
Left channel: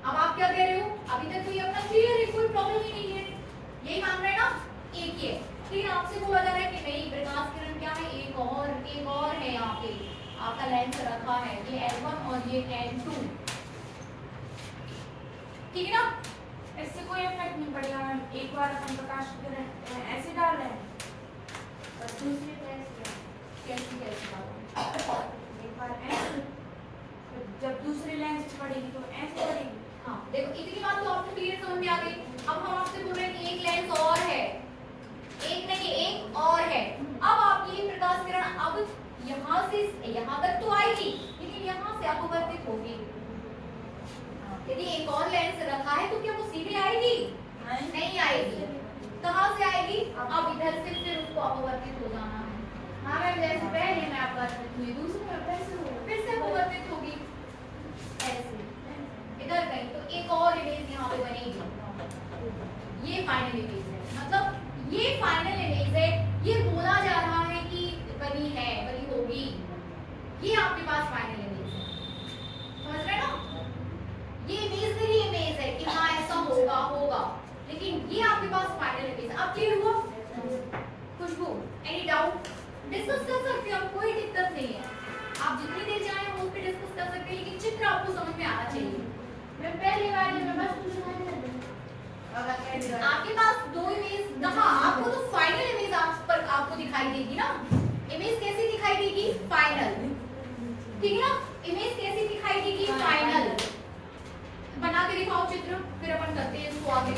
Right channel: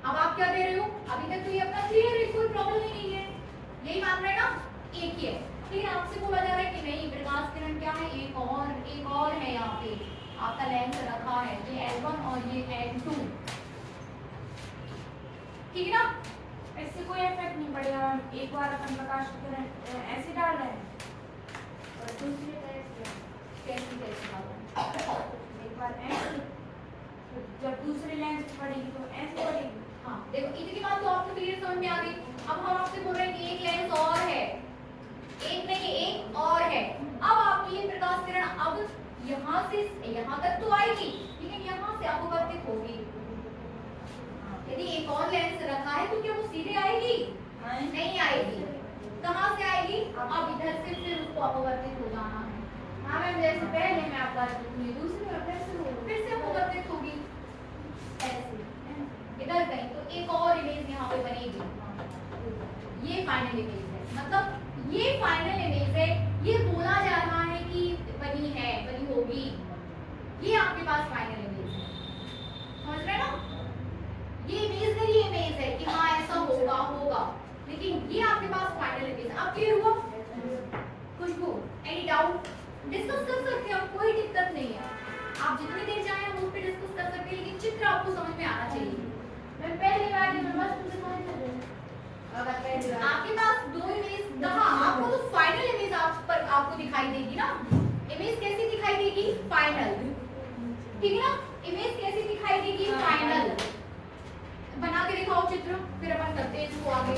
अब आप क्या कह रहे हो, अभी तक तो ये अपना क्लियर है, कोई प्रॉब्लम ही नहीं है, यही मान रहे हैं ना, एक ही है। लेकिन आपसे बोला जा रहा है कि नहीं, प्रकाश किरण क्या है, एक और है, यहाँ पे आपका लेंस रखा है, ये L1 और ये L2, ठीक है ना। इससे कोई इफेक्ट नहीं पड़ेगा, एक बार अपन प्रकाश किरण ऐसे डाल रहे हैं, कैसी एक बार ऐसे, तो जब दूसरे लेंस पे पड़ेगी तो ऐसे पड़ेगी। हाँ देखो, इतनी बात तो आपको क्लियर समझ में आ गई। अब हम आपसे बोल रहे हैं कि एक लेंस और है, एक नहीं, एक और है। अब आपकी ये प्रकाश किरण अब यहाँ से यहाँ तक तो आएगी, लेकिन यहाँ से अपवर्तित होगी। यदि एक और लेंस रखा है तो क्या वो सीधे आएगी, नहीं आएगी। कहाँ से आएगी, अब इधर से फिर उसको अपवर्तित हो जाना है। हाँ मैम, जैसे पहले मैं आपका दूसरे में फिर से अपवर्तित होगी ऐसे इधर कहीं, तो एक और इमेज यहाँ पे बनेगी। ये फाइनल इमेज है, मतलब ये फाइनल इमेज है, ये बोला जा रहा है कि बनी है, बनी होगी, ये आपके पास फाइनल इमेज है, समझ रहे हैं ना। ये इमेजनरी इमेज है कि हाँ ऐसा होगा, लेकिन ये आपके पास फाइनल इमेज है। अब क्लियर हुआ? खुशबू, एनी डाउट? डिस्कस कर सकते हैं, कोई दिक्कत नहीं है, आप जितनी देर चाहें हम उस पर डिस्कस कर सकते हैं, लेकिन चित्र आपको समझ में आना चाहिए। मैं पहली बार में बस तुझे आपके पास दो इमेज कहाँ, आपको तो फाइनल इमेज आप पर आपको दिखाई देगी ना। इमेज कैसी दिखाई देगी, फाइनल, ठीक है ना। इमेज कैसी दिखाई देगी, फाइनल। बना के दिखाओ चित्र, फिर अपन करते हैं इसको आगे।